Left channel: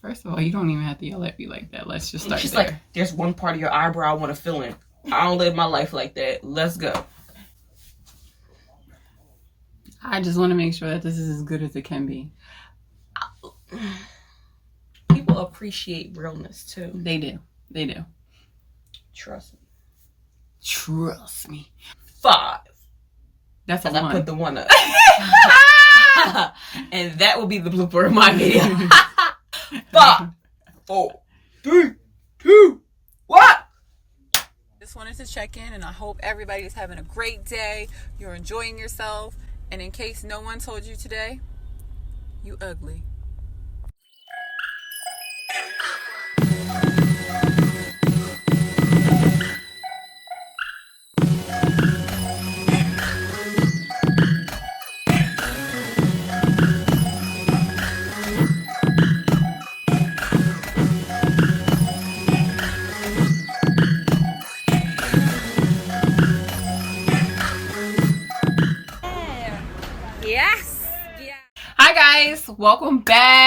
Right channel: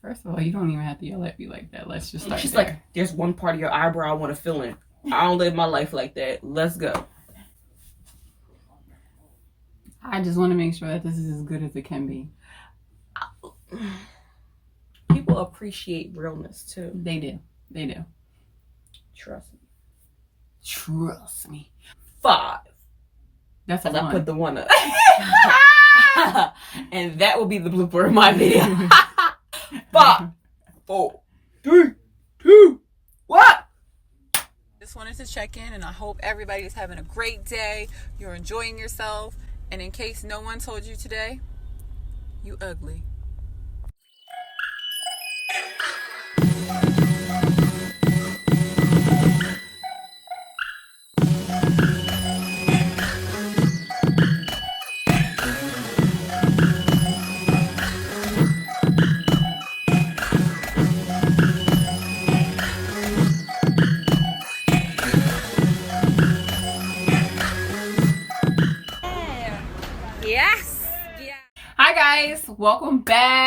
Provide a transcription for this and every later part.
First of all, you don't even have to yell at me like that. Let's just start She's there. like, there's one part of your eyebrow I want to fill in. I don't live my life like that. Let's go. I just want to make sure that this is as good as it can be. People appreciate realness too. They do. They do. Trust me. Trust me. 5. That's a And I 1. put the 1 up. And that will be the blooper of my video. 5, 4, 3, 2, 1. Just wanted to check in, and I hope everybody's having a great day. You're enjoying yourself. And in case no one told you today, you ugly. Yes. Yeah. Hi guys, welcome back.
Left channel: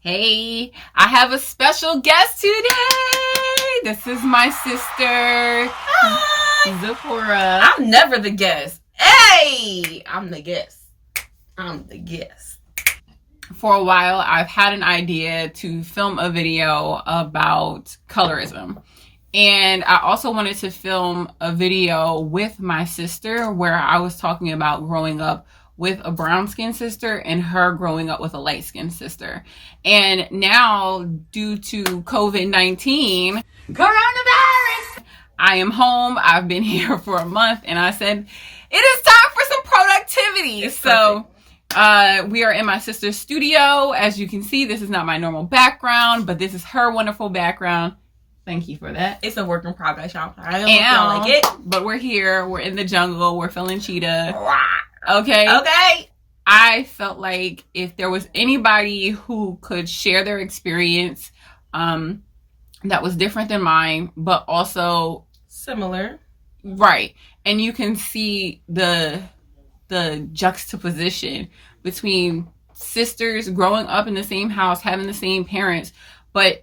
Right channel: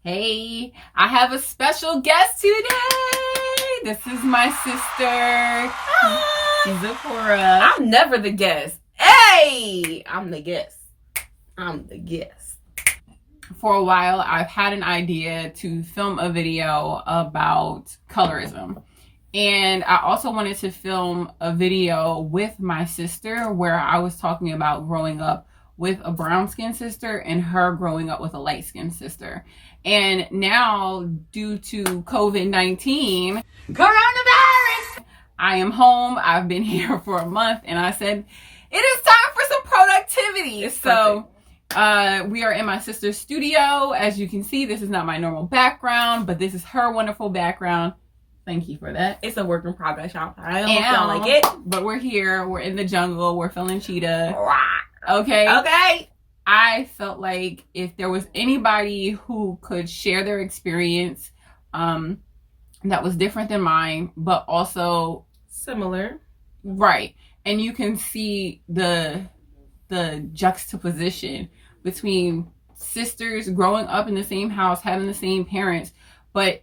Hey, I have a special guest today. This is my sister, Zipporah. I'm never the guest. Hey, I'm the guest. I'm the guest. For a while, I've had an idea to film a video about colorism. And I also wanted to film a video with my sister where I was talking about growing up with a brown-skinned sister and her growing up with a light-skinned sister. And now, due to COVID-19, coronavirus, I am home. I've been here for a month, and I said, it is time for some productivity. It's so we are in my sister's studio. As you can see, this is not my normal background, but this is her wonderful background. Thank you for that. It's a work in progress, y'all. I don't feel like it. But we're here. We're in the jungle. We're feeling cheetah. Okay? Okay. I felt like if there was anybody who could share their experience that was different than mine, but also similar. Right. And you can see the juxtaposition between sisters growing up in the same house, having the same parents, but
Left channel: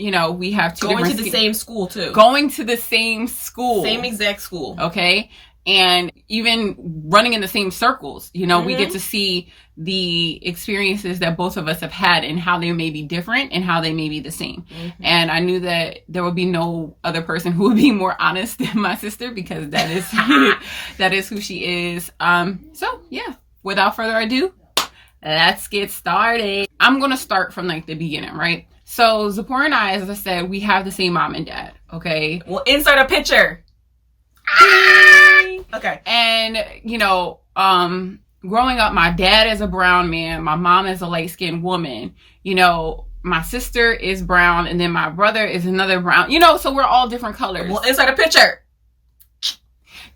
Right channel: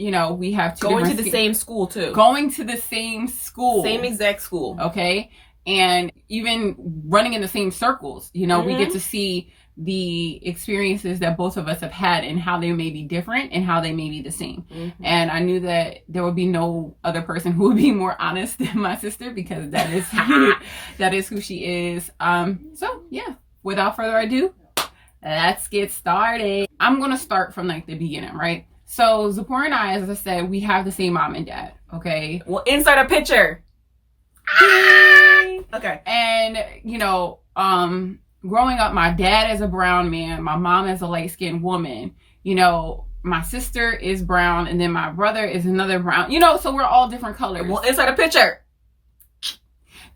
you know, we have going to the same school too. Going to the same school. Same exact school. Okay. And even running in the same circles, you know, we get to see the experiences that both of us have had and how they may be different and how they may be the same. And I knew that there would be no other person who would be more honest than my sister, because that is that is who she is. So yeah, without further ado, let's get started. I'm going to start from like the beginning, right? So Zipporah and I, as I said, we have the same mom and dad, okay? Well, insert a picture. Okay. And, you know, growing up, my dad is a brown man. My mom is a light-skinned woman. You know, my sister is brown, and then my brother is another brown. You know, so we're all different colors. Well, insert a picture.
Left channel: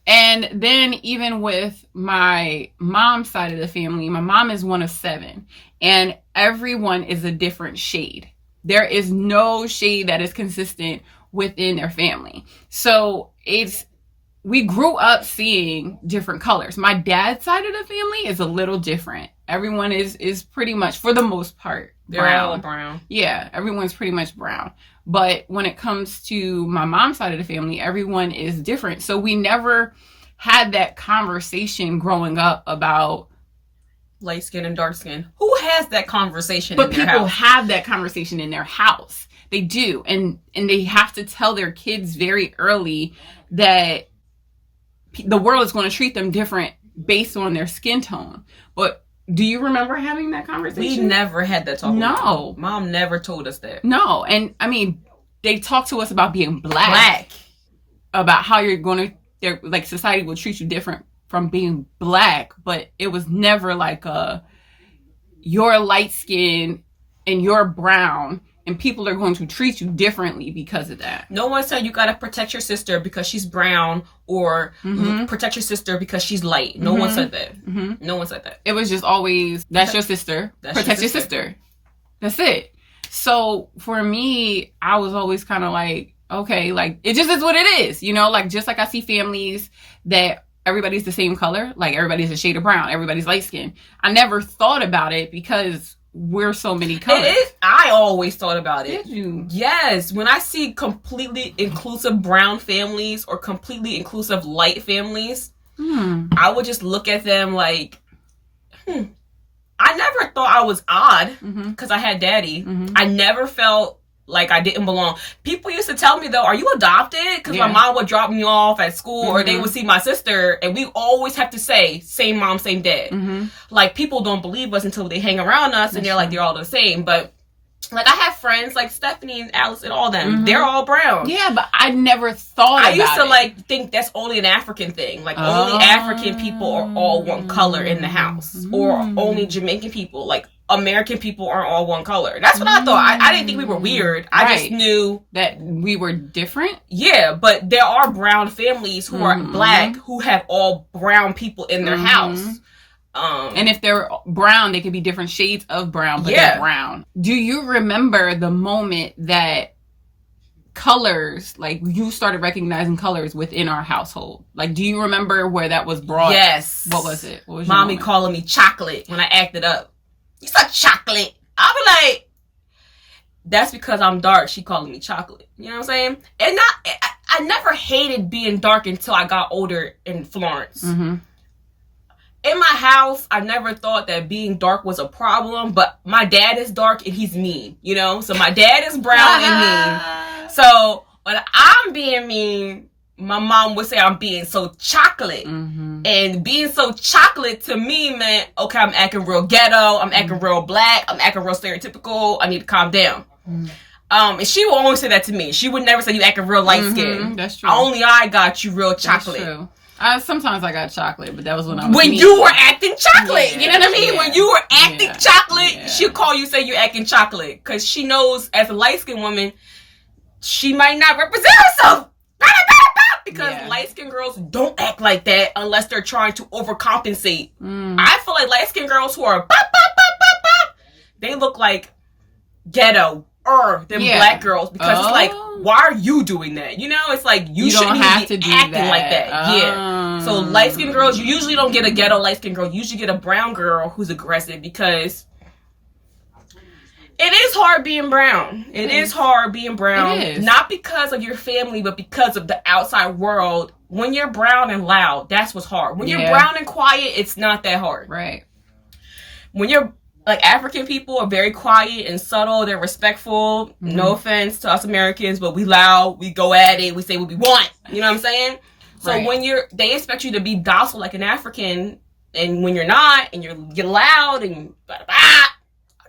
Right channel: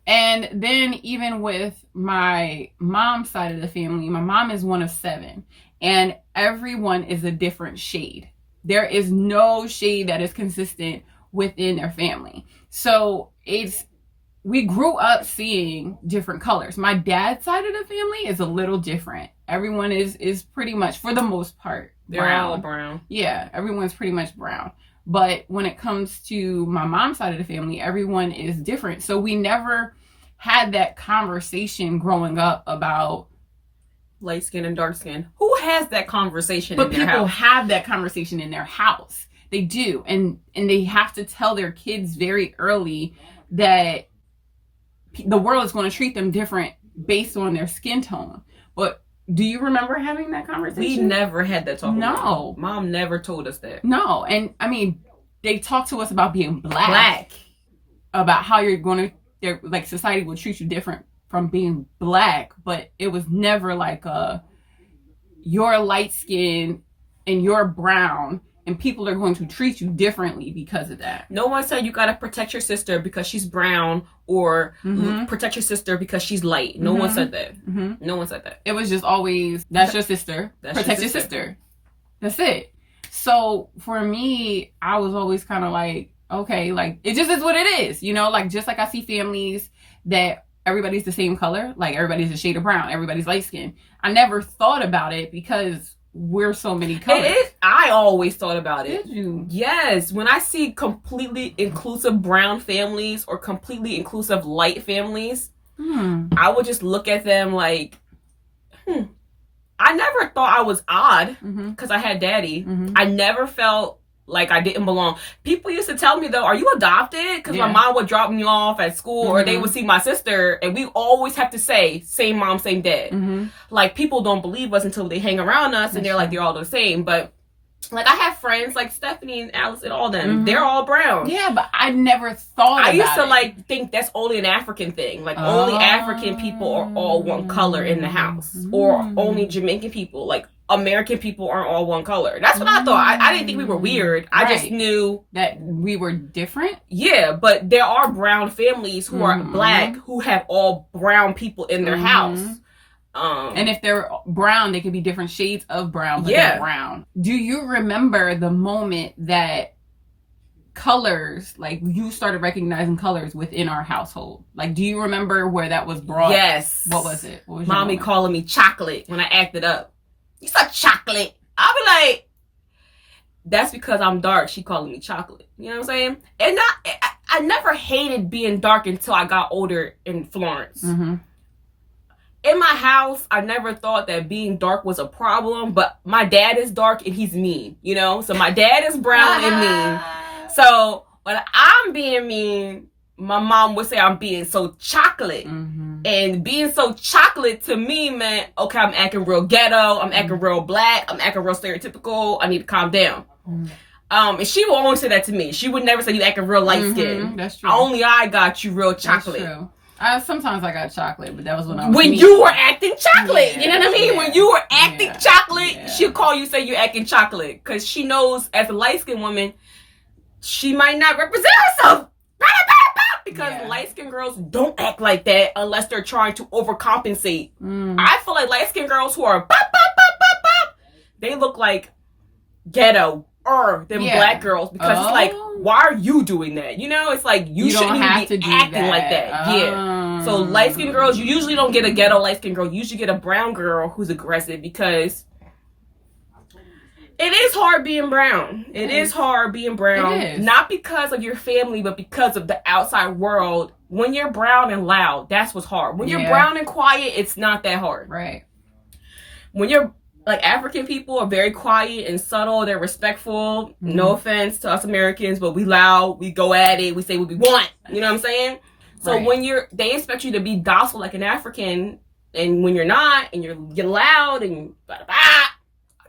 And then even with my mom's side of the family, my mom is one of 7. And everyone is a different shade. There is no shade that is consistent within their family. So we grew up seeing different colors. My dad's side of the family is a little different. Everyone is pretty much, for the most part, brown. They're all brown. Yeah, everyone's pretty much brown. But when it comes to my mom's side of the family, everyone is different. So we never had that conversation growing up about light skin and dark skin. Who has that conversation in their house? But people have that conversation in their house. They do. And they have to tell their kids very early that the world is going to treat them different based on their skin tone. But do you remember having that conversation? We never had that talk. No. Mom never told us that. No. And I mean, they talk to us about being black. About how you're going to, like, society will treat you different from being black, but it was never like you're light skinned and you're brown and people are going to treat you differently because of that. No one said you gotta protect your sister because she's brown or protect your sister because she's light. No one said that. No one said that. It was just always, that's your sister. Protect your sister. That's it. So for me, I was always kind of like, okay, like it just is what it is, you know, like just like I see families that everybody's the same color, like everybody's a shade of brown, everybody's light skinned. I never thought about it because we're so many colors. It is. I always thought about it. Did you? Yes. When I see completely inclusive brown families or completely inclusive light families, I would just look at them like, I never thought I was odd because I had daddy. I never felt like I didn't belong. People used to tell me, though, are you adopted? Because my mom would drop me off at school or they would see my sister, and we always have to say, same mom, same dad. Like, people don't believe us until they hang around us, and they're like, they're all the same. But, like, I have friends like Stephanie and Alice and all them. They're all brown. Yeah, but I never thought about it. I used to, like, think that's only an African thing. Like, only African people are all one color in the house. Or only Jamaican people. Like, American people aren't all one color. That's what I thought. I didn't think we were weird. I just knew that we were different. Yeah, but there are brown families who are black who have all brown people in their house. And if they're brown, they could be different shades of brown, but they're brown. Do you remember the moment that colors, like you started recognizing colors within our household? Like, do you remember where that was brought? Yes. What was it? What was Mommy calling me chocolate when I acted up. You said chocolate. I'll be like, that's because I'm dark. She calling me chocolate. You know what I'm saying? And I never hated being dark until I got older in Florence. In my house, I never thought that being dark was a problem, but my dad is dark and he's mean, you know? So my dad is brown and mean. So when I'm being mean, my mom would say I'm being so chocolate. And being so chocolate to me meant, okay, I'm acting real ghetto, I'm acting real black, I'm acting real stereotypical, I need to calm down. And she will always say that to me. She would never say you acting real light skinned. That's true. Only I got you real chocolate. That's true. Sometimes I got chocolate, but that was when I was when mean. you were acting chocolate. You know what I mean? When you were acting chocolate, she'll call you, say you're acting chocolate. Because she knows as a light-skinned woman, she might not represent herself. Because light-skinned girls don't act like that unless they're trying to overcompensate. I feel like light-skinned girls who are they look like ghetto than black girls, because it's like, why are you doing that? You know, it's like you shouldn't even be acting like that. So light-skinned girls, you usually don't get a ghetto light-skinned girl. You usually get a brown girl who's aggressive, because it is hard being brown. It is hard being brown. Not because of your family, but because of the outside world. When you're brown and loud, that's what's hard. When you're brown and quiet, it's not that hard. Right. When you're like, African people are very quiet and subtle. They're respectful. No offense to us Americans, but we loud. We go at it. We say what we want. You know what I'm saying? So when they expect you to be docile like an African, and when you're not, and you're loud and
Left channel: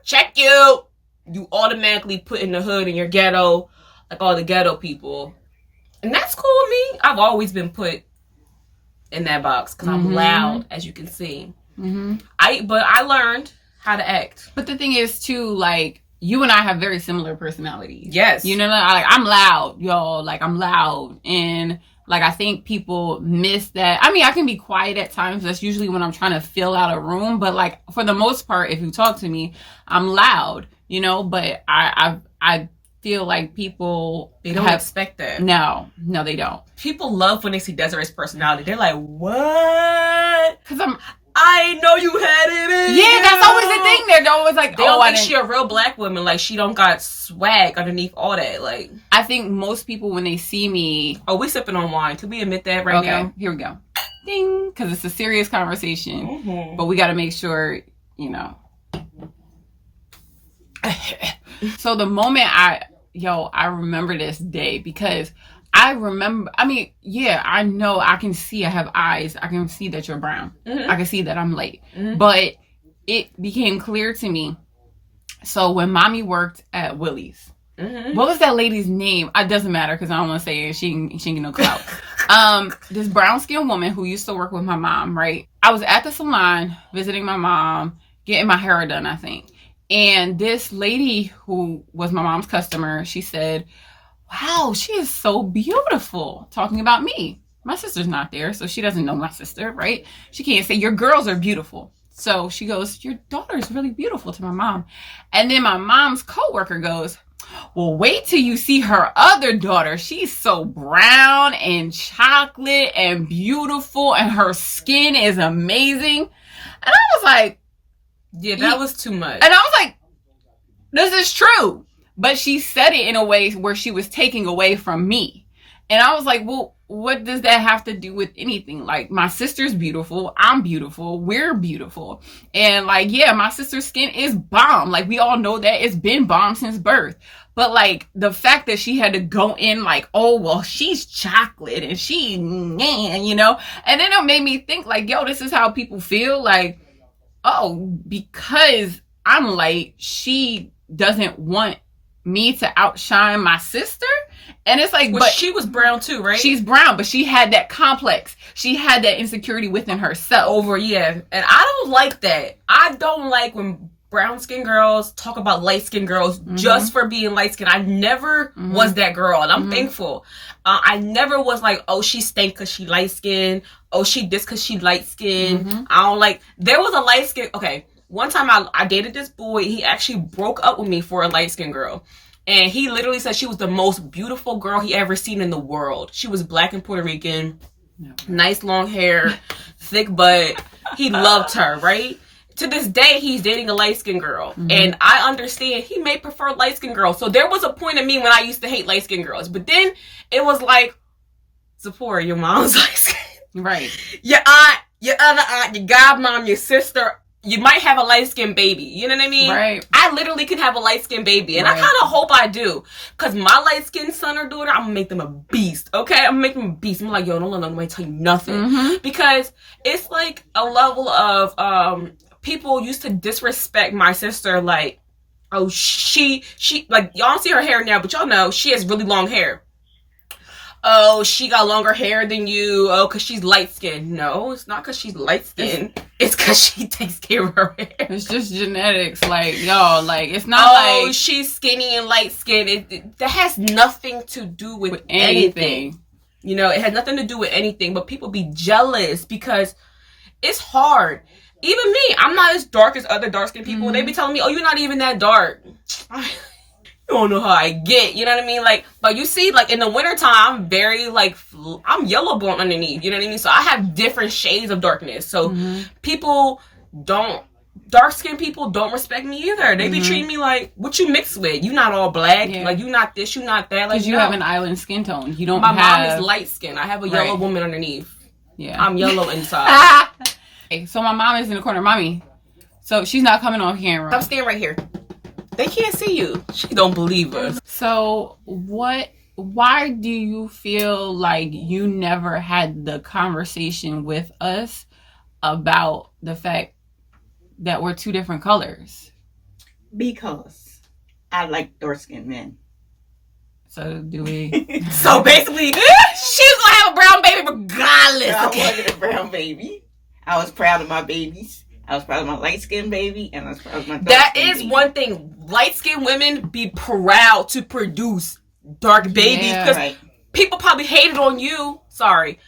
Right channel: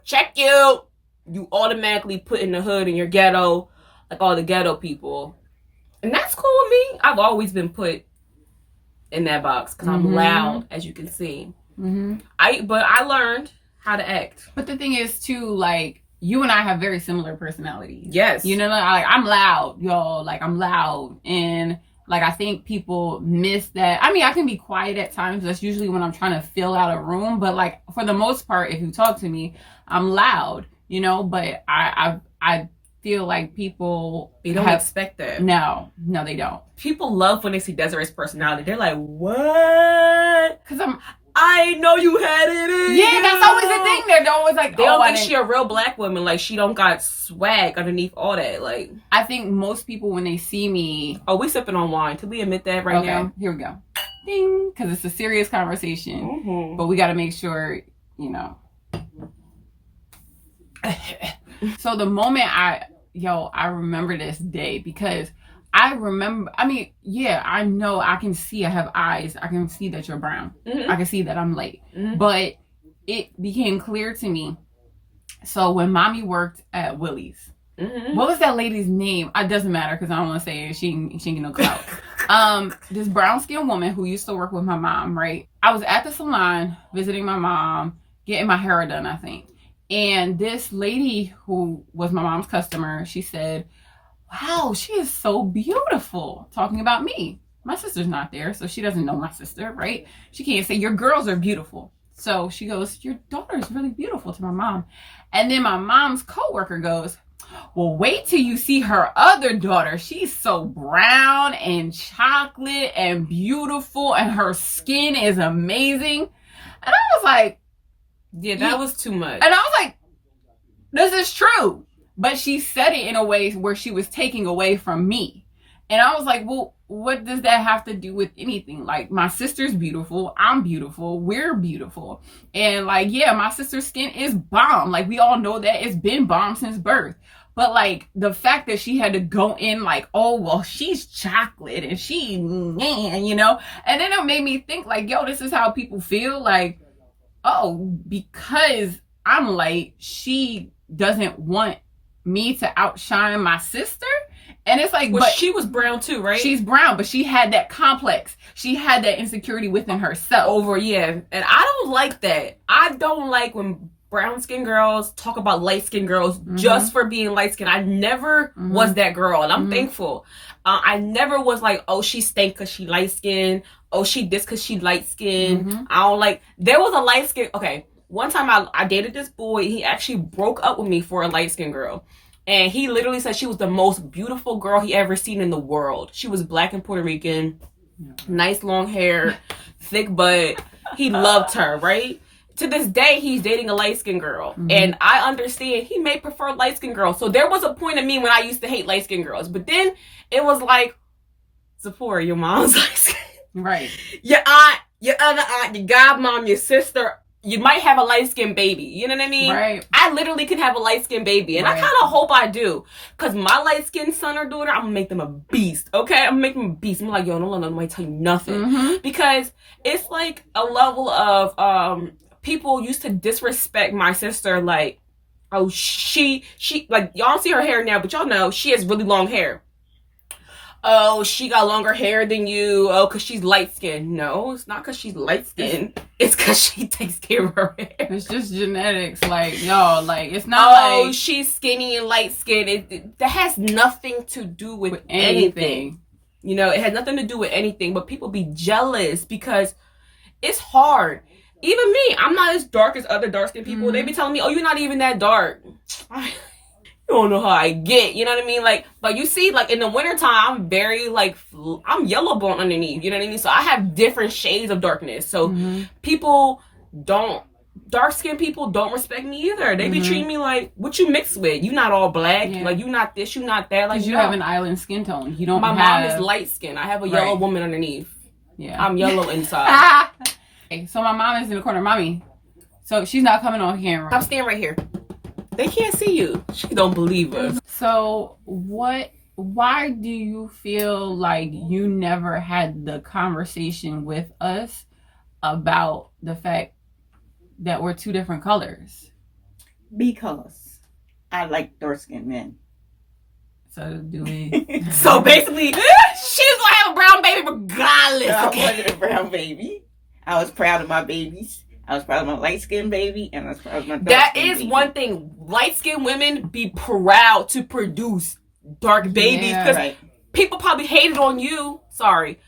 check you automatically put in the hood and you're ghetto, like all the ghetto people. And that's cool with me. I've always been put in that box because I'm loud, as you can see. But I learned how to act. But the thing is, too, like, you and I have very similar personalities. Yes. You know, like, I'm loud, y'all. Like, I'm loud. And, like, I think people miss that. I mean, I can be quiet at times. That's usually when I'm trying to fill out a room. But, like, for the most part, if you talk to me, I'm loud, you know? But I feel like people... They don't expect that. No, they don't. People love when they see Desiree's personality. They're like, what? Because I know you had it in you. That's always the thing. They're always like, they don't think she a real black woman. Like, she don't got swag underneath all that. Like, I think most people, when they see me... Oh, we sipping on wine. Can we admit that right now? Okay, here we go. Ding. Because it's a serious conversation. But we got to make sure, you know. So the moment I remember this day, because I remember, I mean, I know, I can see, I have eyes. I can see that you're brown. I can see that I'm light. But it became clear to me. So when mommy worked at Willie's, what was that lady's name? It doesn't matter because I don't want to say it. She ain't get no clout. This brown skinned woman who used to work with my mom, right? I was at the salon visiting my mom, getting my hair done, I think. And this lady who was my mom's customer, she said, wow, she is so beautiful. Talking about me. My sister's not there, so she doesn't know my sister, right? She can't say, your girls are beautiful. So she goes, your daughter's really beautiful, to my mom. And then my mom's coworker goes, well, wait till you see her other daughter. She's so brown and chocolate and beautiful, and her skin is amazing. And I was like, Yeah, that was too much. And I was like, this is true. But she said it in a way where she was taking away from me. And I was like, well, what does that have to do with anything? Like, my sister's beautiful. I'm beautiful. We're beautiful. And like, yeah, my sister's skin is bomb. Like, we all know that. It's been bomb since birth. But like, the fact that she had to go in like, oh, well, she's chocolate and she, you know? And then it made me think like, yo, this is how people feel. Like, oh, because I'm light, she doesn't want me to outshine my sister. And it's like, but she was brown too, right? She's brown, but she had that complex. She had that insecurity within herself. And I don't like that. I don't like when brown skinned girls talk about light skinned girls just for being light skinned. I never was that girl, and I'm thankful. I never was like, oh, she stank because she light skinned. Oh, she this because she light skinned. I don't like. There was a light skin. Okay, one time I dated this boy. He actually broke up with me for a light skinned girl. And he literally said she was the most beautiful girl he ever seen in the world. She was black and Puerto Rican, nice long hair, thick butt. He loved her, right? To this day, he's dating a light-skinned girl. And I understand he may prefer light-skinned girls. So there was a point in me when I used to hate light-skinned girls. But then it was like, Zipporah, your mom's light-skinned. Right. Your aunt, your other aunt, your godmom, your sister, you might have a light-skinned baby. You know what I mean? Right. I literally could have a light-skinned baby. And I kind of hope I do. Because my light-skinned son or daughter, I'm going to make them a beast. Okay? I'm going to make them a beast. I'm like, yo, don't let nobody tell you nothing. Because it's like a level of, people used to disrespect my sister. Like, oh, she, like, y'all don't see her hair now, but y'all know she has really long hair. Oh, she got longer hair than you. Oh, because she's light-skinned. No, it's not because she's light-skinned. It's because she takes care of her hair. It's just genetics. Like, yo, like, it's not like... she's skinny and light-skinned. That has nothing to do with anything. You know, it has nothing to do with anything. But people be jealous because it's hard. Even me, I'm not as dark as other dark-skinned people. They be telling me, oh, you're not even that dark. You don't know how I get, you know what I mean? Like, but you see, like, in the wintertime, I'm very, like, I'm yellow bone underneath, you know what I mean? So I have different shades of darkness. So dark-skinned people don't respect me either. They be treating me like, what you mixed with? You not all black. Yeah. Like, you not this, you not that. Like, because you have an island skin tone. You don't My mom is light skin. I have a yellow woman underneath. Yeah. I'm yellow inside. So my mom is in the corner. Mommy. So she's not coming on camera. I'm staying right here. They can't see you. She don't believe us. So why do you feel like you never had the conversation with us about the fact that we're two different colors? Because I like dark-skinned men. So do we? So basically, she's gonna have a brown baby regardless. I wanted a brown baby. I was proud of my babies. I was proud of my light-skinned baby, and I was proud of my dark-skinned baby. That is one thing. Light-skinned women be proud to produce dark babies. Because people probably hated on you. Sorry,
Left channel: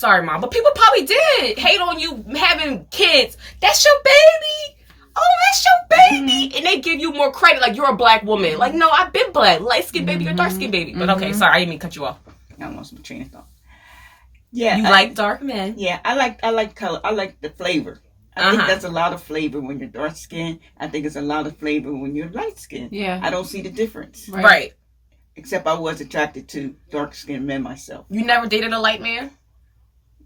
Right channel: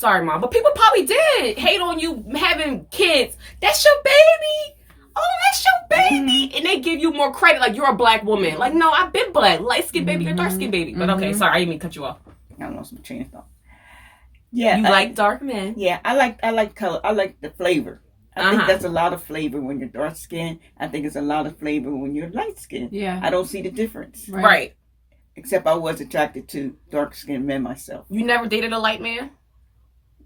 Mom. But people probably did hate on you having kids. That's your baby. Oh, that's your baby. And they give you more credit. Like, you're a black woman. Like, no, I've been black. Light-skinned baby or dark-skinned baby. But okay, sorry. I didn't mean to cut you off. I want some train of thought. Yeah. You like dark men. Yeah, I like color. I like the flavor. I think that's a lot of flavor when you're dark skinned. I think it's a lot of flavor when you're light skinned. Yeah. I don't see the difference. Right. Except I was attracted to dark skinned men myself. You never dated a light man?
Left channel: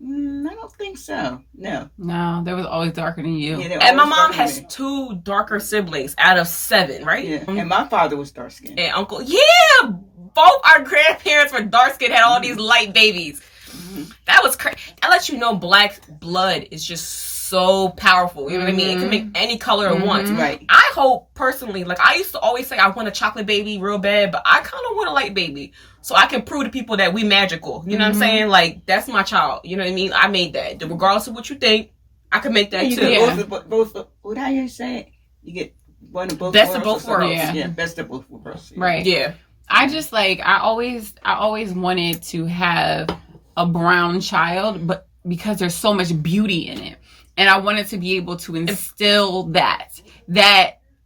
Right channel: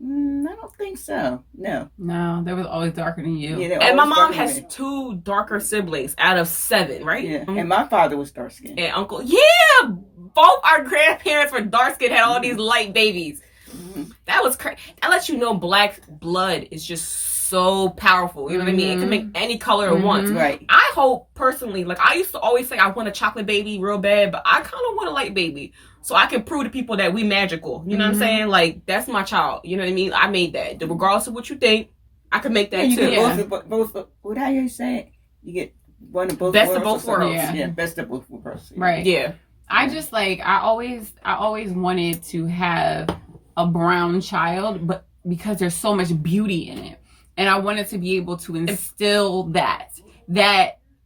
I don't think so. No. No, they was always darker than you. Yeah, and my mom has 2 darker siblings out of 7, right? Yeah. And my father was dark skinned. And uncle, yeah, both our grandparents were dark skinned, had all these light babies. That was crazy. That lets you know black blood is just so powerful. You know what I mean? It can make any color at once. Right. I hope personally, like I used to always say I want a chocolate baby real bad, but I kind of want a light baby so I can prove to people that we magical. You know what I'm saying? Like, that's my child. You know what I mean? I made that. Regardless of what you think, I can make that too. Yeah. Both, what how you say it? You get one of both best worlds. Of both worlds. Yeah, best of both worlds. Yeah. Right. Yeah. I just like I always wanted to have a brown child, but because there's so much beauty in it. And I wanted to be able to instill that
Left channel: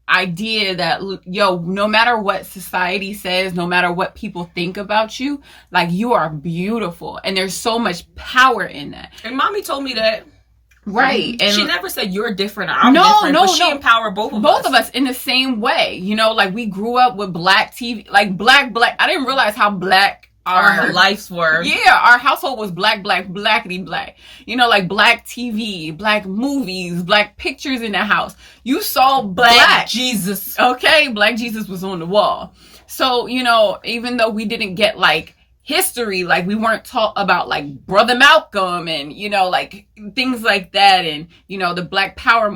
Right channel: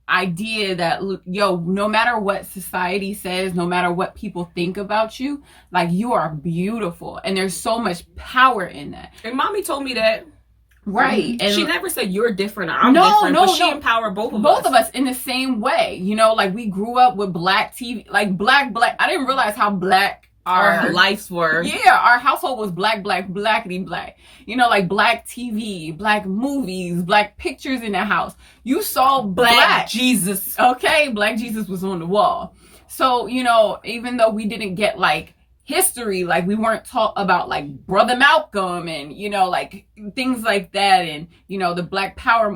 idea that, yo, no matter what society says, no matter what people think about you, like, you are beautiful. And there's so much power in that. And mommy told me that Right. And she never said you're different or I'm different, but she empowered both of us in the same way. You know, like we grew up with black TV, like black. I didn't realize how black our lives were. Yeah, our household was blackity black. You know, like black TV, black movies, black pictures in the house. You saw black Jesus. Okay, black Jesus was on the wall. So, you know, even though we didn't get like history, like we weren't taught about like Brother Malcolm and, you know, like things like that, and, you know, the Black Power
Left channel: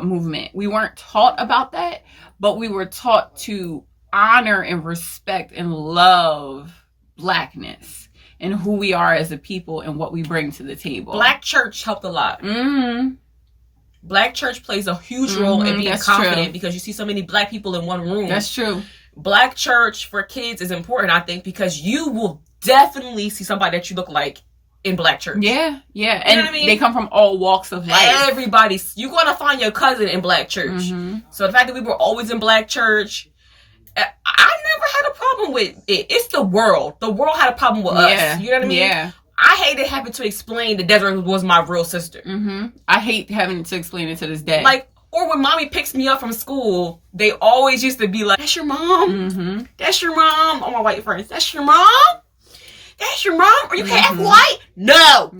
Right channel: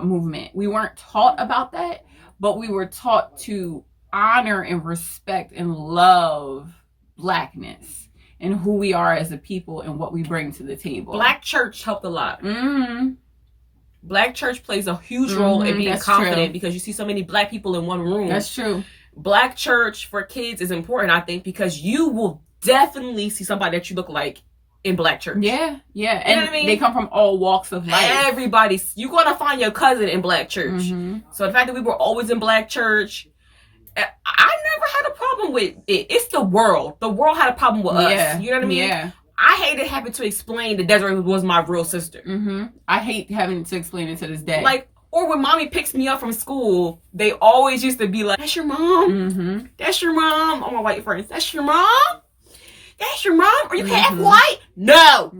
movement. We weren't taught about that, but we were taught to honor and respect and love blackness and who we are as a people and what we bring to the table. Black church helped a lot. Black church plays a huge role in being confident because you see so many black people in one room. That's true. Black church for kids is important, I think, because you will definitely see somebody that you look like in black church. Yeah. And you know what I mean? They come from all walks of life. You're going to find your cousin in black church. So the fact that we were always in black church, I never had a problem with it. It's the world. The world had a problem with us. You know what I mean? Yeah. I hated having to explain that Desiree was my real sister. I hate having to explain it to this day. Like, or when mommy picks me up from school, they always used to be like, that's your mom? That's your mom? All my white friends, that's your mom? That's your mom? Are you half white? No.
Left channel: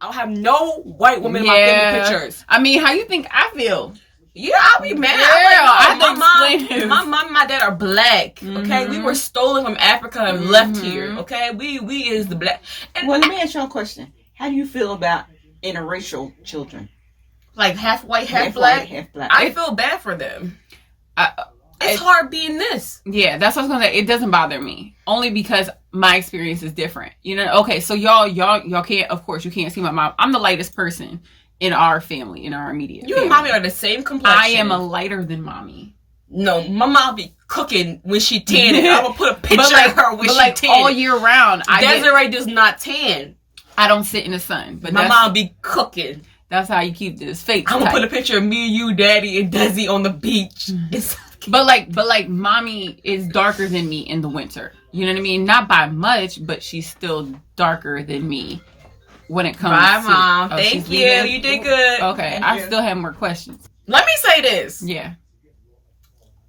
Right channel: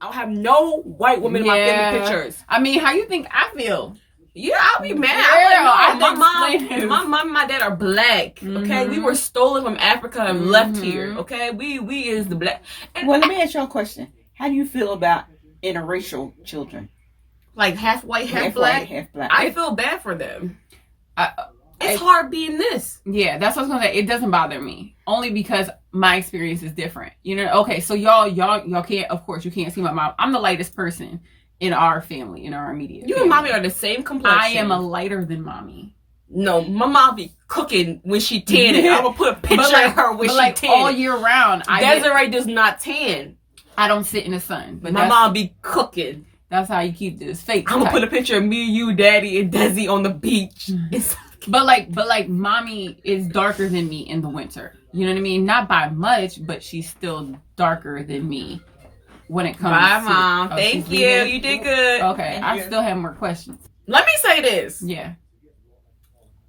I don't have no white woman in my family pictures. I mean, how you think I feel? Yeah, I'll be mad. I'm like, no, my mom and my dad are black. Okay, we were stolen from Africa and left here. Okay, we is the black. And well, let me ask you a question. How do you feel about interracial children? Like half white, half black? Half black. I feel bad for them. It's hard being this. Yeah, that's what I was gonna say. It doesn't bother me only because my experience is different. You know. Okay, so y'all can't. Of course, you can't see my mom. I'm the lightest person in our family, in our immediate. You family. and mommy are the same complexion. I am a lighter than mommy. No, my mom be cooking when she tanning. I'm gonna put a picture of her when she tanning. All year round. Desiree does not tan. I don't sit in the sun, but my mom be cooking. That's how you keep this fake. I'm gonna put a picture of me, you, daddy, and Desi on the beach. But like, mommy is darker than me in the winter. You know what I mean? Not by much, but she's still darker than me when it comes. Bye, Mom. Thank you. You did good. Okay, I still have more questions. Let me say this. Yeah.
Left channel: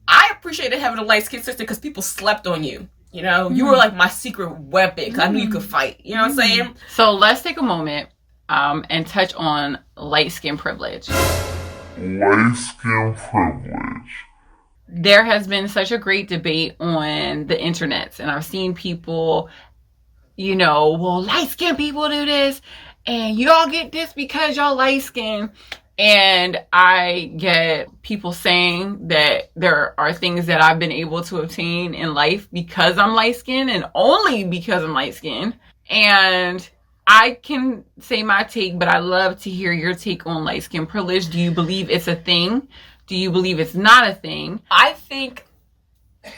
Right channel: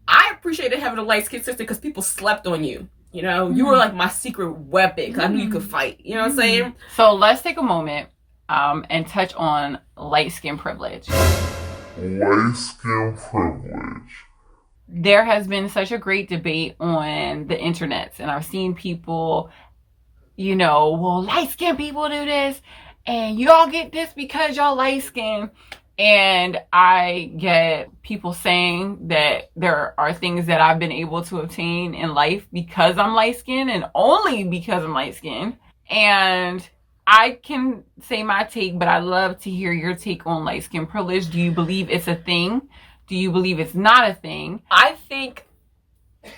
I appreciated having a light-skinned sister because people slept on you. You know, you were like my secret weapon because I knew you could fight. You know what I'm saying? So let's take a moment and touch on light skin privilege. Light skin privilege. There has been such a great debate on the internet, and I've seen people, you know, well, light skin people do this, and y'all get this because y'all light skin. And I get people saying that there are things that I've been able to obtain in life because I'm light skinned and only because I'm light skinned. And I can say my take, but I love to hear your take on light skin privilege. Do you believe it's a thing? Do you believe it's not a thing? I think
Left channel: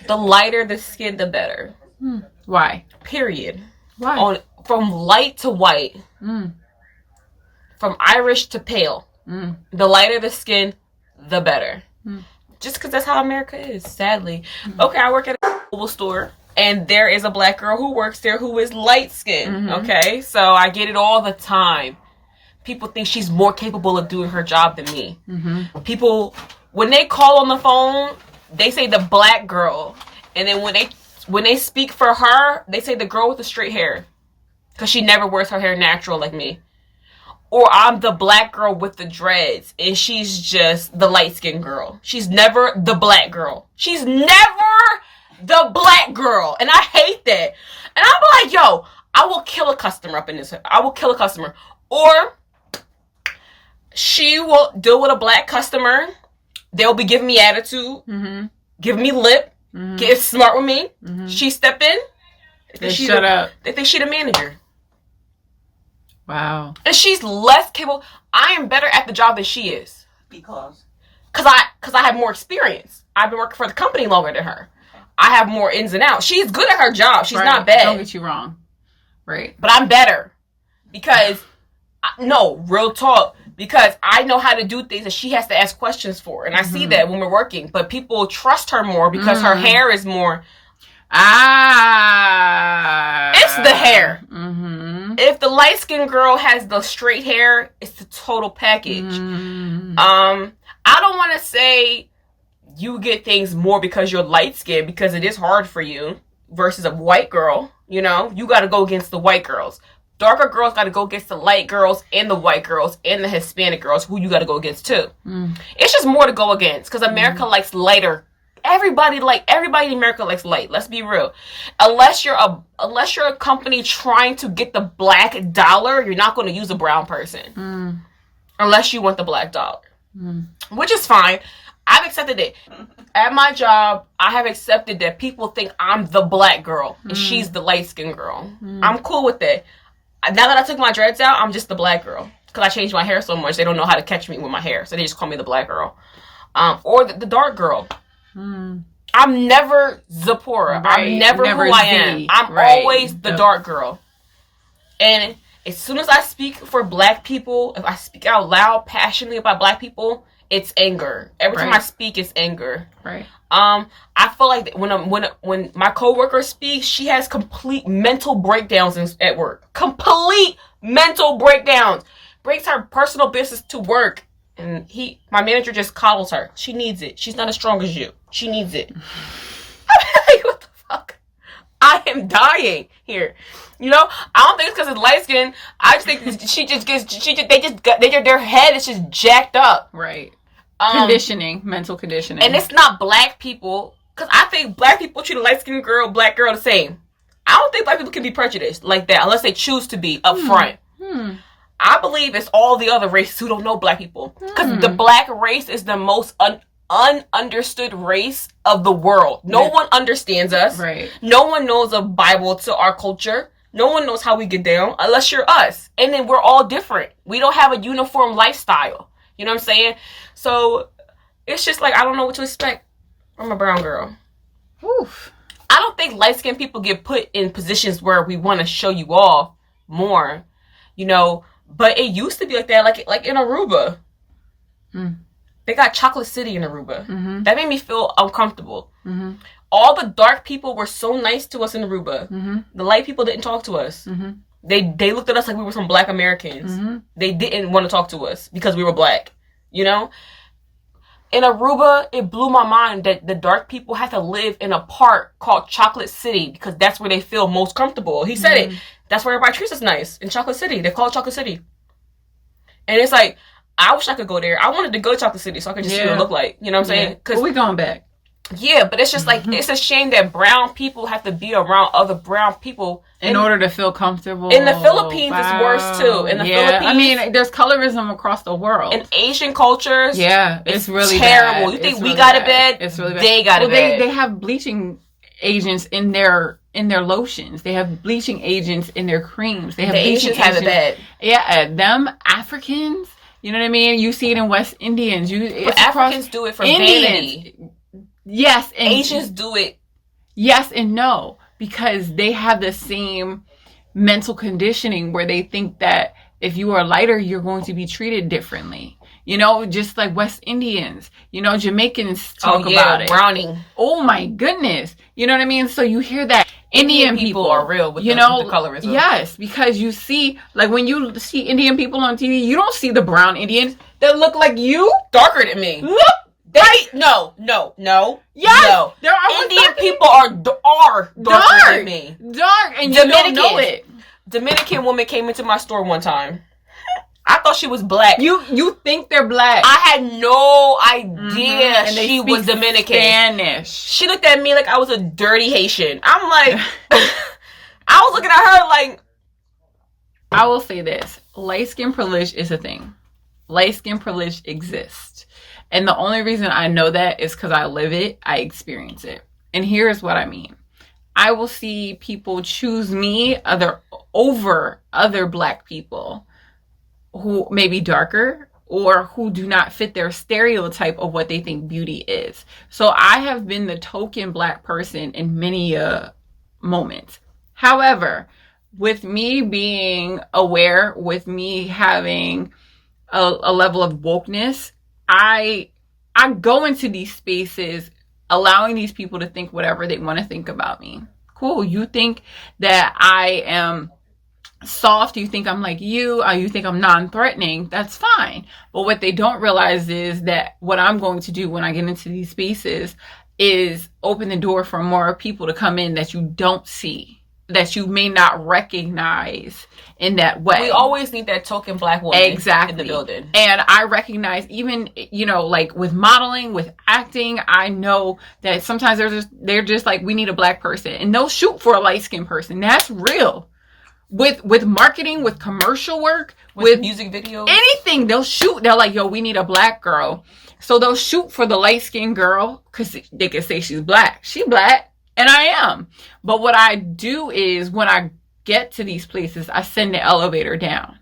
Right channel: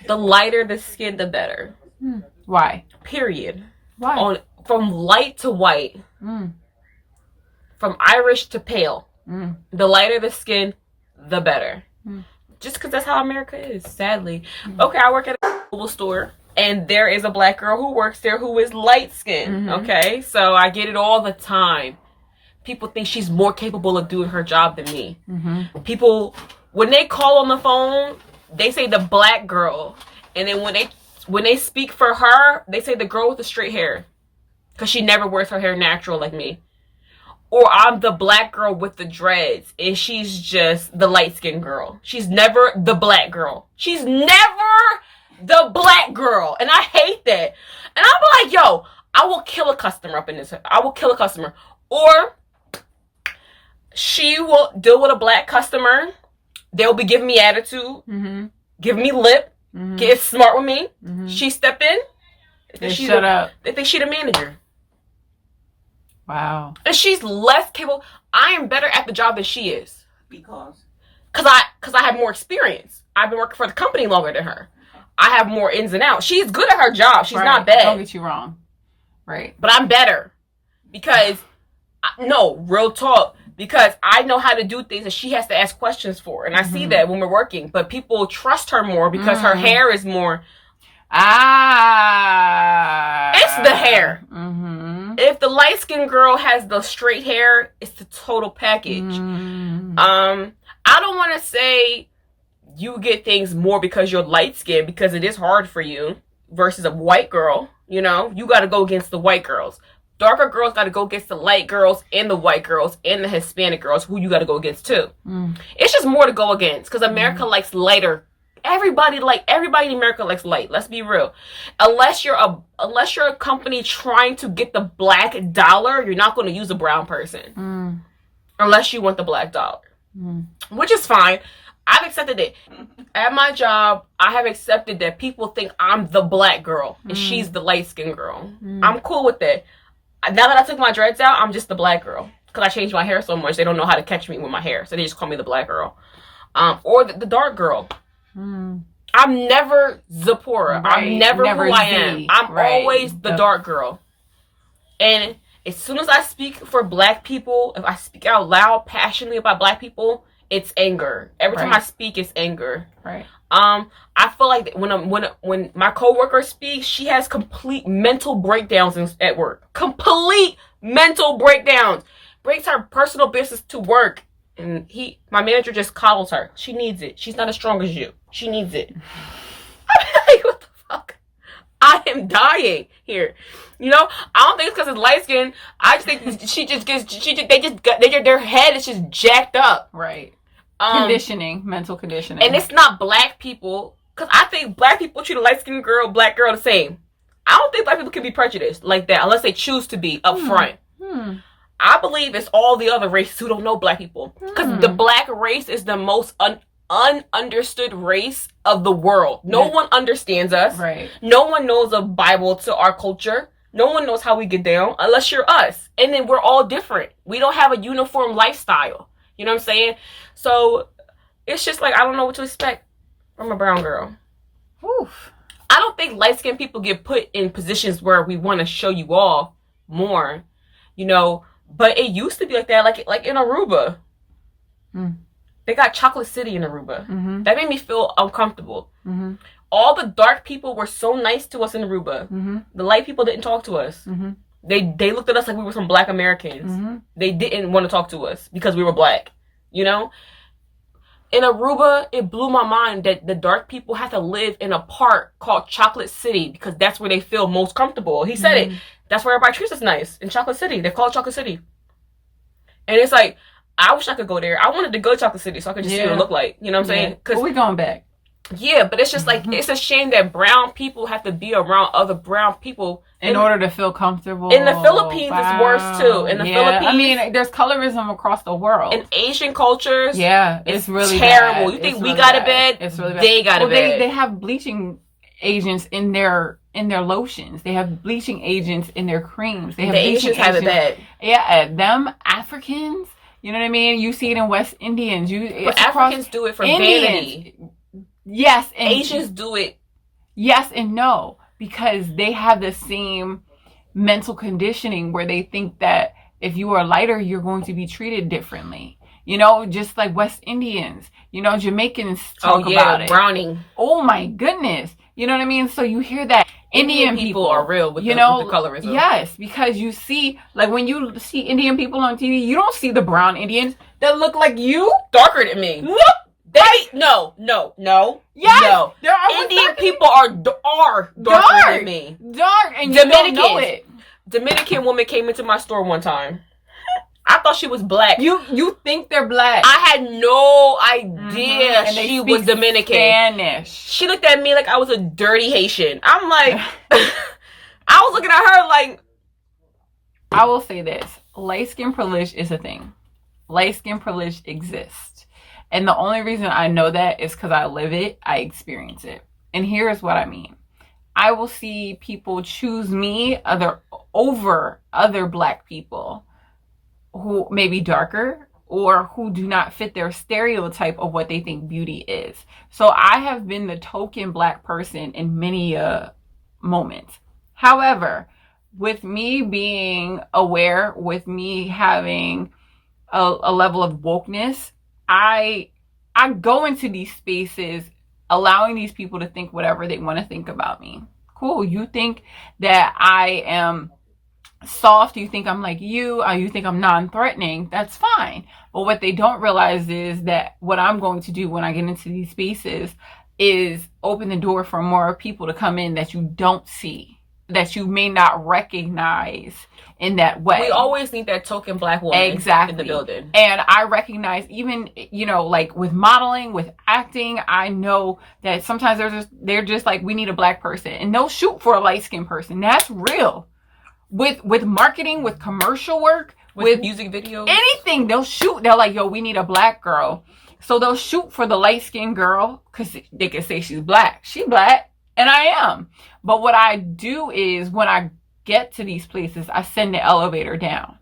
the lighter the skin, the better. Why? Period. Why? From light to white. From Irish to pale. The lighter the skin, the better. Just because that's how America is, sadly. Okay, I work at a mobile store, and there is a black girl who works there who is light skinned. Okay, so I get it all the time. People think she's more capable of doing her job than me. People, when they call on the phone, they say the black girl, and then when they speak for her, they say the girl with the straight hair, because she never wears her hair natural like me. Or I'm the black girl with the dreads, and she's just the light-skinned girl. She's never the black girl. She's never the black girl. And I hate that. And I'm like, yo, I will kill a customer up in this. I will kill a customer. Or she will deal with a black customer. They'll be giving me attitude, giving me lip, get smart with me. She step in. They shut up. They think she the manager. Wow. And she's less capable. I am better at the job than she is. Because I have more experience. I've been working for the company longer than her. I have more ins and outs. She's good at her job. She's not bad. Don't get you wrong. Right. But I'm better. Because, no, real talk. Because I know how to do things that she has to ask questions for. And I see that when we're working. But people trust her more because her hair is more... It's the hair. If the light-skinned girl has the straight hair, it's the total package. I don't want to say you get things more because you're light-skinned, because it is hard for you, versus a white girl. You know, you got to go against the white girls. Darker girls got to go against the light girls and the white girls and the Hispanic girls, who you got to go against too. It's just more to go against, because America likes lighter. Everybody in America likes light. Let's be real. Unless you're a company trying to get the black dollar, you're not going to use a brown person. Unless you want the black dollar. Which is fine. I've accepted it. At my job, I have accepted that people think I'm the black girl and she's the light-skinned girl. I'm cool with that. Now that I took my dreads out, I'm just the black girl. Because I changed my hair so much, they don't know how to catch me with my hair. So they just call me the black girl. Or the dark girl. I'm never Zipporah. Right. I'm never who I am. I'm always the dark girl. And as soon as I speak for black people, if I speak out loud, passionately about black people, it's anger. Every time I speak, it's anger. Right. I feel like when my coworker speaks, she has complete mental breakdowns at work. Complete mental breakdowns. Brings her personal business to work. And my manager just coddles her. She needs it. She's not as strong as you. She needs it. I'm like, what the fuck? I am dying here. You know, I don't think it's because it's light skin. I just think their head is just jacked up. Right. Mental conditioning. And it's not black people, because I think black people treat a light skinned girl, black girl the same. I don't think black people can be prejudiced like that unless they choose to be up front. I believe it's all the other races who don't know black people. Because the black race is the most ununderstood race of the world. No one understands us. Right. No one knows a Bible to our culture. No one knows how we get down unless you're us. And then we're all different. We don't have a uniform lifestyle. You know what I'm saying? So it's just like, I don't know what to expect from a brown girl. Oof. I don't think light-skinned people get put in positions where we want to show you off more. You know, but it used to be like that, like in Aruba. They got Chocolate City in Aruba. That made me feel uncomfortable. All the dark people were so nice to us in Aruba. The light people didn't talk to us. They looked at us like we were some black Americans. They didn't want to talk to us because we were black. You know? In Aruba, it blew my mind that the dark people have to live in a park called Chocolate City because that's where they feel most comfortable. He said it. That's where everybody treats us nice. In Chocolate City. They call it Chocolate City. And it's like, I wish I could go there. I wanted to go to Chocolate City so I could just see what it looked like. You know what I'm saying? Well, we going back. Yeah, but it's just like, it's a shame that brown people have to be around other brown people. In order to feel comfortable. In the Philippines, it's worse too. In the Philippines. I mean, there's colorism across the world. In Asian cultures. Yeah, it's really terrible. bad. You think we got it bad? It's really bad. They got it bad. They have bleaching agents in their lotions. They have bleaching agents in their creams. They have the bleaching Asians have it bad. Yeah, them Africans. You know what I mean? You see it in West Indians. But Africans do it for vanity. Yes, and Asians do it. Yes and no, because they have the same mental conditioning where they think that if you are lighter, you're going to be treated differently. You know, just like West Indians. You know, Jamaicans talk about it. Browning. Oh my goodness. You know what I mean? So you hear that Indian people are real with, with the colorism. Yes, because you see, like when you see Indian people on TV, you don't see the brown Indians that look like you. Darker than me. Look. No. Yes, no. There are Indian people are darker than me. Dark, and you don't know it. Dominican woman came into my store one time. I thought she was black. You think they're black? I had no idea and she was Dominican. Spanish. She looked at me like I was a dirty Haitian. I'm like, I was looking at her like. I will say this: light skin privilege is a thing. Light skin privilege exists. And the only reason I know that is because I live it, I experience it. And here's what I mean. I will see people choose me over other black people who may be darker or who do not fit their stereotype of what they think beauty is. So I have been the token black person in many moments. However, with me being aware, with me having a level of wokeness, I go into these spaces allowing these people to think whatever they want to think about me. Cool. You think that I am soft, you think I'm like you, or you think I'm non-threatening, that's fine. But what they don't realize is that what I'm going to do when I get into these spaces is open the door for more people to come in that you don't see, that you may not recognize in that way. We always need that token black woman exactly in the building. And I recognize, even, you know, like with modeling, with acting, I know that sometimes they're just like, we need a black person, and they'll shoot for a light-skinned person. That's real. With marketing, with commercial work, with music videos, anything, they'll shoot. They're like, yo, we need a black girl. So they'll shoot for the light-skinned girl because they can say she's black. She black, and I am. But what I do is, when I get to these places, I send the elevator down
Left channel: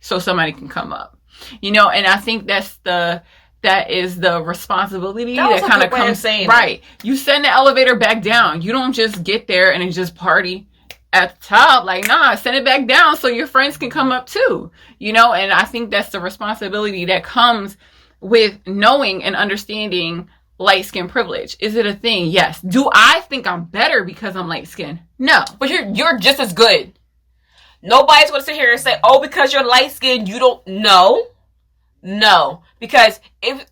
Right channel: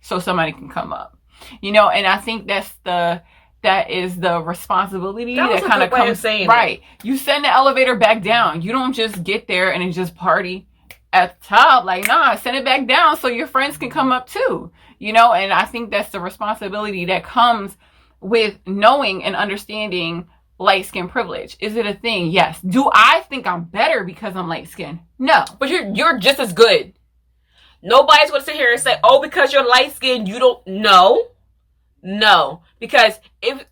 so somebody can come up. You know, and I think that is the responsibility that kind of comes. Right. You send the elevator back down. You don't just get there and just party at the top. Like, nah, send it back down so your friends can come up too. You know, and I think that's the responsibility that comes with knowing and understanding light skin privilege. Is it a thing? Yes. Do I think I'm better because I'm light skinned? No. But you're just as good. Nobody's going to sit here and say, oh, because you're light skinned, you don't know. No. Because if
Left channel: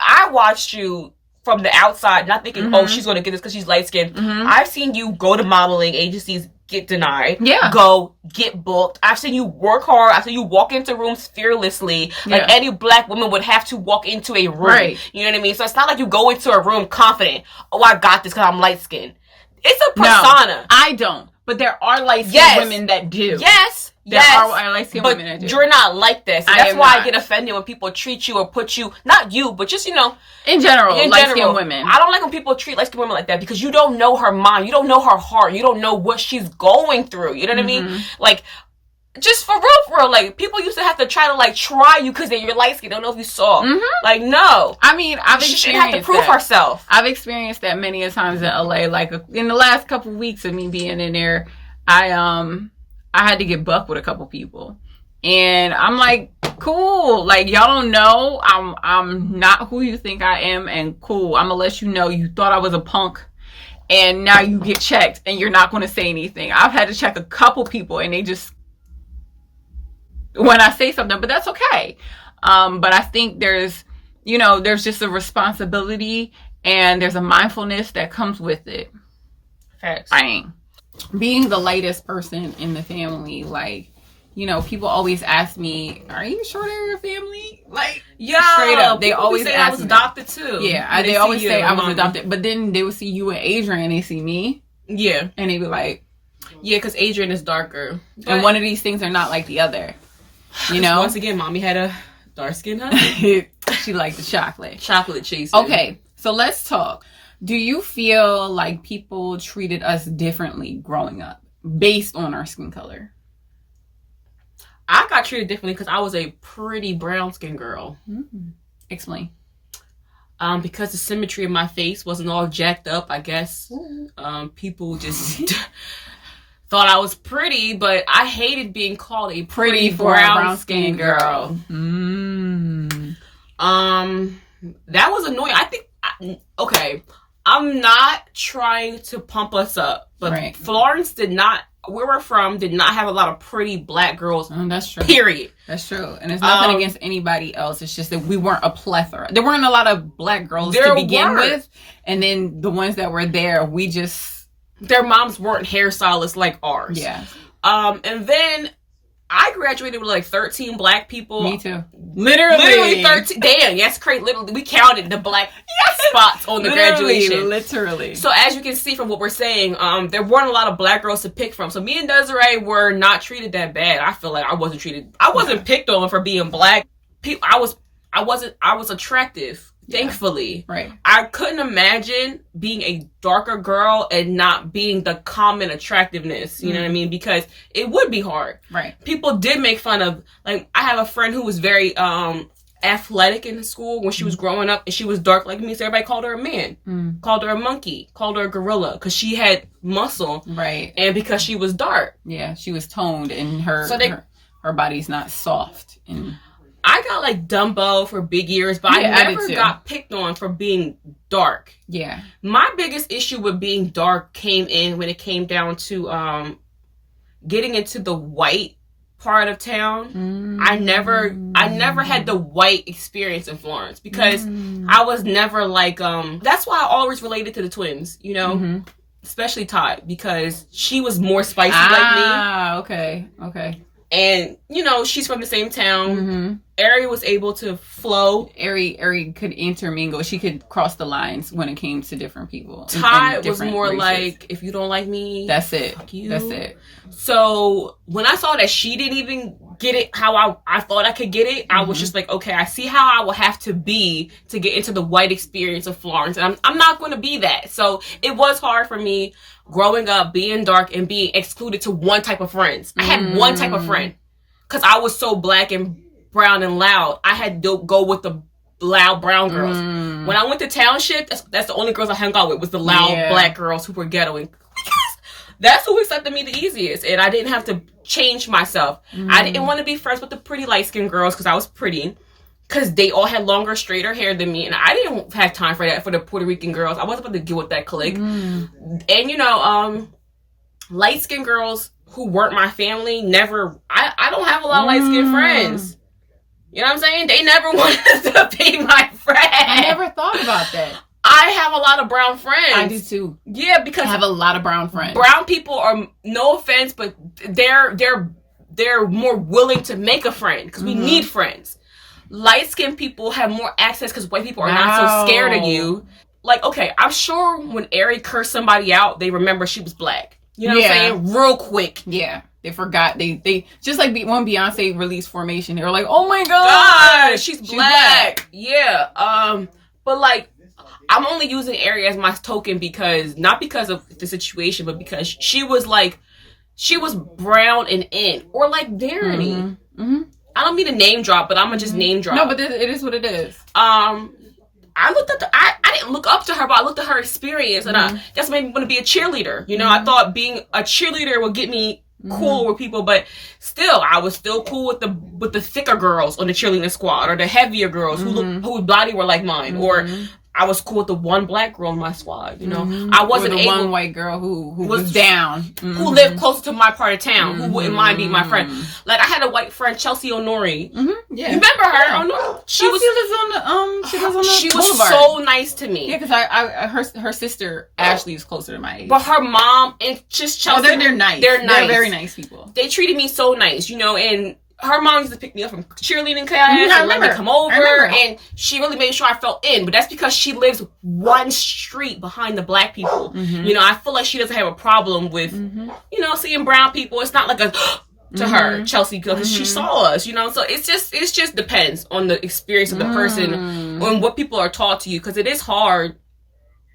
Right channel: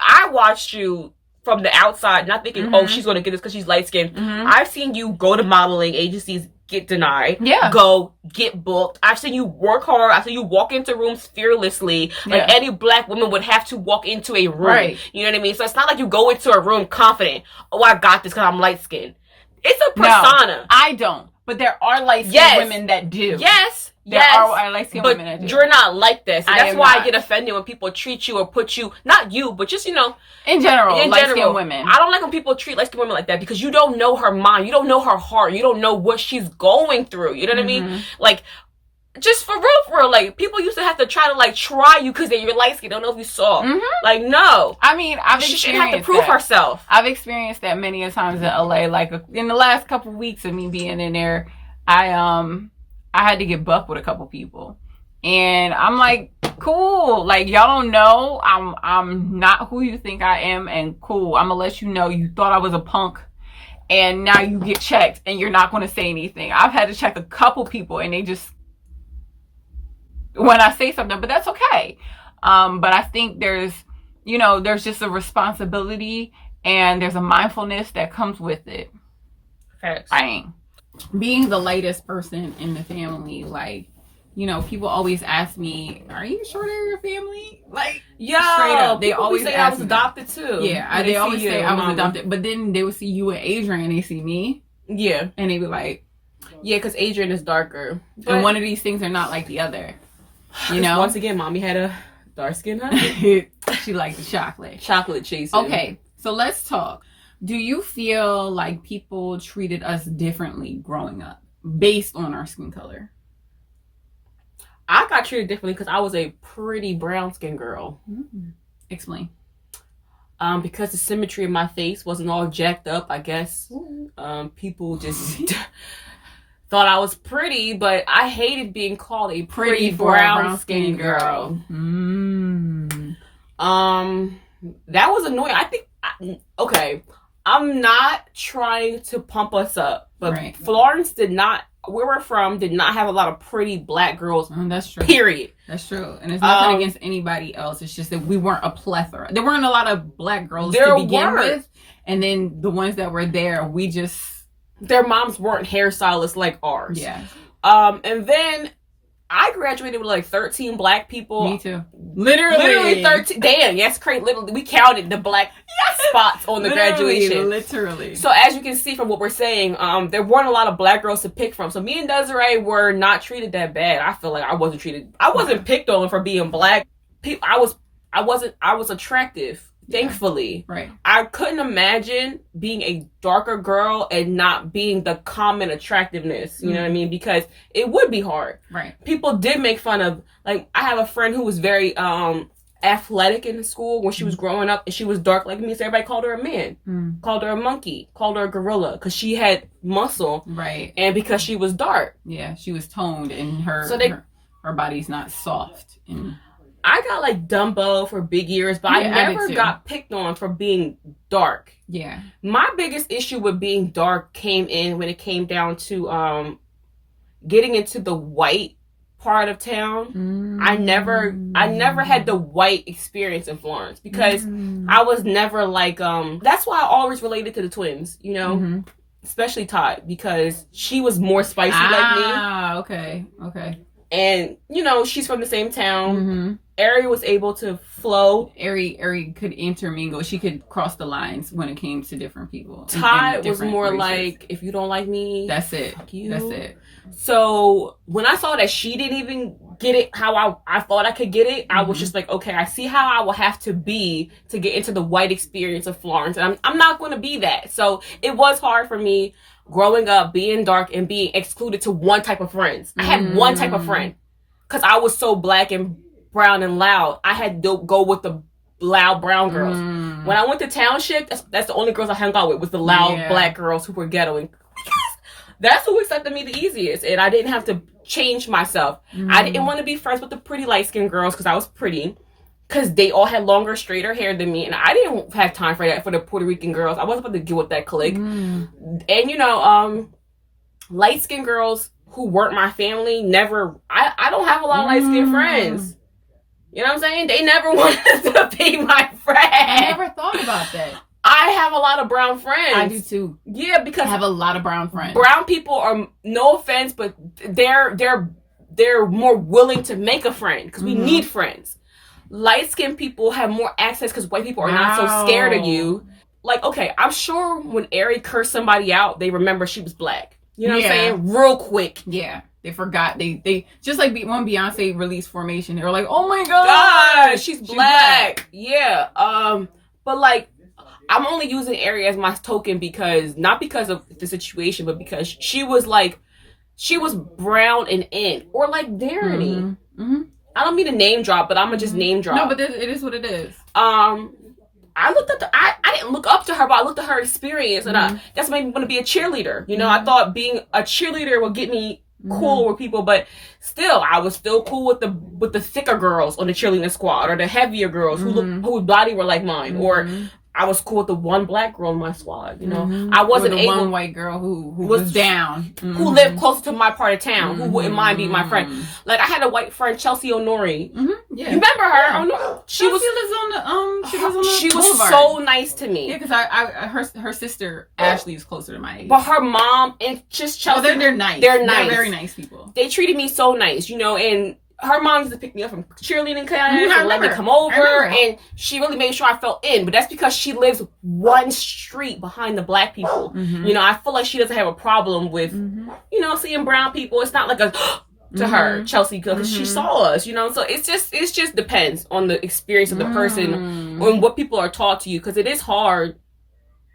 I watched you from the outside, not thinking, oh, she's going to get this because she's light skinned. I've seen you go to modeling agencies, get denied. Yeah. Go, get booked. I've seen you work hard. I've seen you walk into rooms fearlessly. Like any black woman would have to walk into a room. Right. You know what I mean? So it's not like you go into a room confident. Oh, I got this because I'm light skinned. It's a persona. No, I don't. But there are light skinned women that do. Yes. There are light skinned women that do. You're not like this. And that's why I get offended when people treat you or put you, not you, but just, you know. In general, light skinned women. I don't like when people treat light skinned women like that, because you don't know her mind. You don't know her heart. You don't know what she's going through. You know what I mean? Like, just for real, like, people used to have to try you because you're light skinned. Don't know if you saw. Like, no. I mean, she shouldn't have to prove herself. I've experienced that many a times in LA. Like, in the last couple of weeks of me being in there, I had to get buck with a couple people, and I'm like, cool. Like, y'all don't know I'm not who you think I am, and cool. I'm gonna let you know you thought I was a punk, and now you get checked, and you're not gonna say anything. I've had to check a couple people, and they just, when I say something, but that's okay. But I think there's just a responsibility, and there's a mindfulness that comes with it. Facts. Being the lightest person in the family, like, you know, people always ask me, are you sure they're your family? Like, straight up. They always say I was adopted too. Yeah, they always say I was adopted. But then they would see you and Adrian, and they see me. Yeah. And they be like, yeah, because Adrian is darker. And one of these things are not like the other. You know? Once again, mommy had a dark skin husband. She liked the chocolate. Chocolate chaser. Okay, so let's talk. Do you feel like people treated us differently growing up based on our skin color? I got treated differently because I was a pretty brown skin girl. Explain. Because the symmetry of my face wasn't all jacked up, I guess. People just thought I was pretty, but I hated being called a pretty brown skin girl. That was annoying. I think, okay, I'm not trying to pump us up, but Florence where we're from, did not have a lot of pretty black girls. That's true. Period. That's true. And it's nothing against anybody else. It's just that we weren't a plethora. There weren't a lot of black girls to begin with. And then the ones that were there, their moms weren't hairstylists like ours. Yeah. And then I graduated with like 13 black people. Me too. Literally 13. Damn, that's crazy. Literally, we counted the black spots on the graduation. Literally. So as you can see from what we're saying, there weren't a lot of black girls to pick from. So me and Desiree were not treated that bad. I feel like I wasn't picked on for being black. I was attractive. Thankfully. Right. I couldn't imagine being a darker girl and not being the common attractiveness. You know what I mean? Because it would be hard. Right. People did make fun of, like, I have a friend who was very athletic in school when she was growing up, and she was dark like me, so everybody called her a man, called her a monkey, called her a gorilla, because she had muscle. Right. And because she was dark. Yeah, she was toned, and her body's not soft. And I got like Dumbo for big ears, but I never got picked on for being dark. Yeah. My biggest issue with being dark came in when it came down to getting into the white part of town, I never had the white experience in Florence because I was never like that's why I always related to the twins, you know, especially Todd, because she was more spicy like me. Okay. And you know, she's from the same town. Ari was able to flow. Ari could intermingle. She could cross the lines when it came to different people. Todd was more races. Like, if you don't like me, that's it. Fuck you. That's it. So when I saw that she didn't even get it how I thought I could get it, I was just like, okay, I see how I will have to be to get into the white experience of Florence, and I'm not going to be that. So it was hard for me growing up, being dark and being excluded to one type of friends. I had one type of friend because I was so black and brown and loud. I had to go with the loud brown girls. When I went to township, that's the only girls I hung out with was the loud black girls who were ghettoing. That's who accepted me the easiest, and I didn't have to change myself. I didn't want to be friends with the pretty light-skinned girls because I was pretty, because they all had longer, straighter hair than me, and I didn't have time for that, for the Puerto Rican girls. I wasn't about to deal with that clique. And, you know, light-skinned girls who weren't my family never... I don't have a lot of light-skinned friends. You know what I'm saying? They never wanted to be my friend. I never thought about that. I have a lot of brown friends. I do too. Yeah, because I have a lot of brown friends. Brown people are, no offense, but they're more willing to make a friend because we need friends. Light-skinned people have more access because white people are not so scared of you. Like, okay, I'm sure when Ari cursed somebody out, they remember she was black. You know what I'm saying? Real quick. Yeah. They forgot. They just like when Beyonce released Formation, they were like, "Oh my God, she's black." Yeah. But like, I'm only using Ari as my token because not because of the situation, but because she was brown and in, or like Verity. I don't mean to name drop, but I'm gonna just name drop. No, but it is what it is. I looked at I didn't look up to her, but I looked at her experience, and that's made me want to be a cheerleader. You know, I thought being a cheerleader would get me cool with people, but still, I was still cool with the thicker girls on the cheerleading squad, or the heavier girls whose body were like mine, or I was cool with the one black girl in my squad. You know, I wasn't able. One white girl who was down, who lived closer to my part of town, who wouldn't mind being my friend. Like I had a white friend, Chelsea Honori. Yeah, you remember her? Yeah. She was on the she was so nice to me. Yeah, because her sister Ashley is closer to my age. But her mom and just Chelsea, they're nice. They're nice. They're very nice people. They treated me so nice, you know, and her mom used to pick me up from cheerleading class and let me come over, and she really made sure I felt in. But that's because she lives one street behind the black people. You know, I feel like she doesn't have a problem with, you know, seeing brown people. It's not like a to her, Chelsea, because she saw us, you know. So it just depends on the experience of the person and what people are taught to you, because it is hard.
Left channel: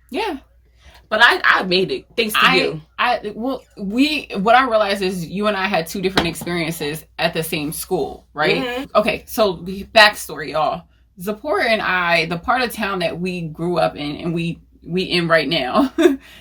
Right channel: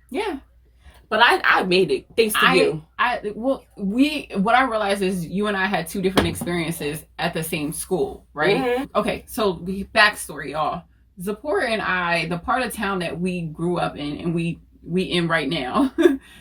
Yeah. But I made it thanks to you. What I realized is you and I had two different experiences at the same school, right? Okay, so the backstory, y'all. Zipporah and I, the part of town that we grew up in and we in right now,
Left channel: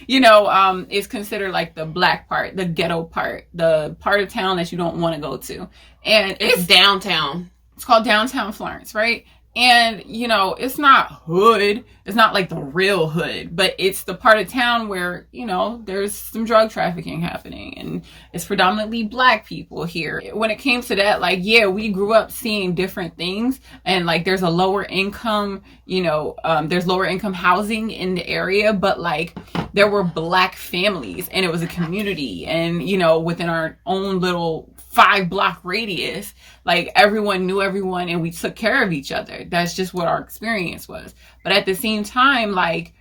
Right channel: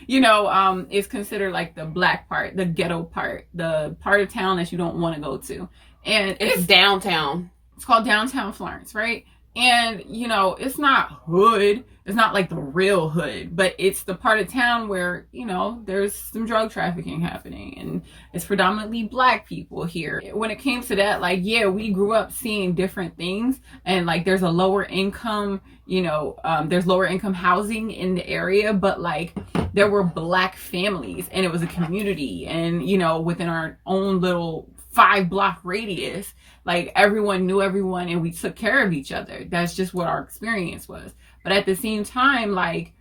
you know, is considered like the black part, the ghetto part, the part of town that you don't want to go to. And it's downtown. It's called downtown Florence, right? And, you know, it's not hood. It's not like the real hood, but it's the part of town where, you know, there's some drug trafficking happening, and it's predominantly black people here. When it came to that, like, yeah, we grew up seeing different things, and like there's a lower income, you know, there's lower income housing in the area, but like there were black families and it was a community, and, you know, within our own little 5-block radius, like everyone knew everyone and we took care of each other. That's just what our experience was. But at the same time, like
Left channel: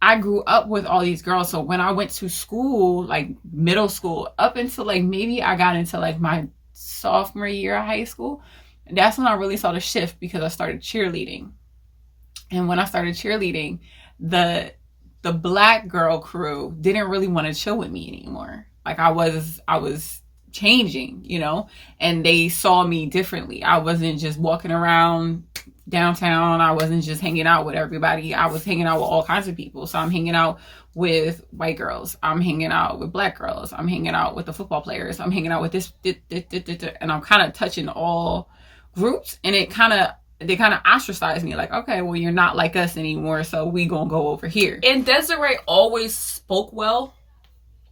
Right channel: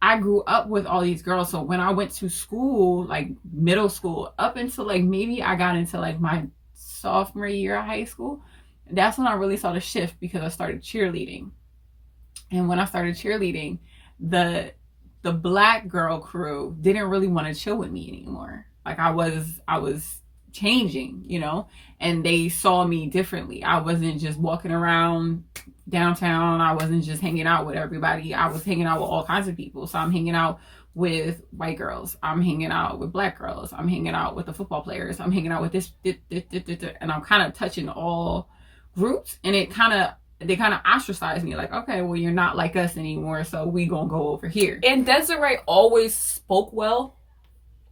I grew up with all these girls. So when I went to school, like middle school, up until like maybe I got into like my sophomore year of high school, that's when I really saw the shift, because I started cheerleading. And when I started cheerleading, the black girl crew didn't really want to chill with me anymore. Like I was changing, you know, and they saw me differently. I wasn't just walking around downtown. I wasn't just hanging out with everybody. I was hanging out with all kinds of people. So I'm hanging out with white girls. I'm hanging out with black girls. I'm hanging out with the football players. I'm hanging out with this, and I'm kind of touching all groups. And they kind of ostracized me, like, okay, well, you're not like us anymore, so we gonna go over here. And Desiree always spoke well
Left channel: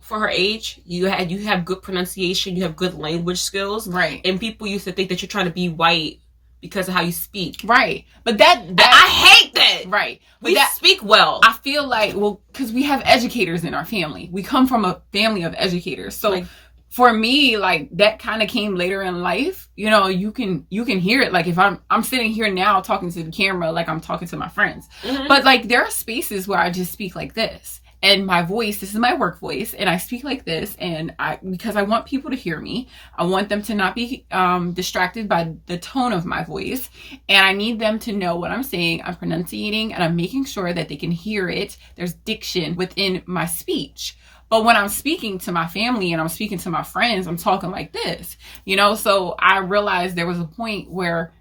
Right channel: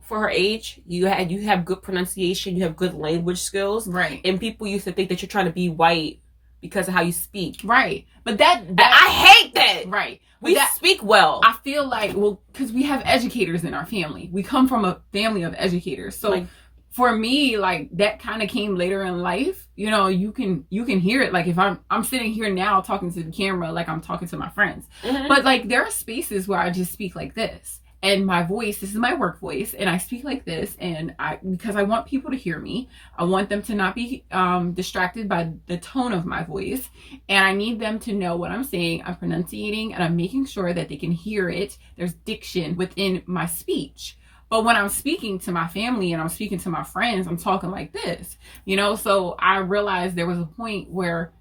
for her age. You have good pronunciation. You have good language skills. Right. And people used to think that you're trying to be white because of how you speak. Right. But that I hate that. Right. We speak well. I feel like, well, because we have educators in our family. We come from a family of educators. So like, for me, like, that kind of came later in life. You know, you can hear it. Like, if I'm sitting here now talking to the camera, like I'm talking to my friends. Mm-hmm. But like, there are spaces where I just speak like this. And my voice, this is my work voice, and I speak like this, and because I want people to hear me. I want them to not be distracted by the tone of my voice, and I need them to know what I'm saying. I'm pronunciating, and I'm making sure that they can hear it. There's diction within my speech. But when I'm speaking to my family and I'm speaking to my friends, I'm talking like this, you know? So I realized there was a point where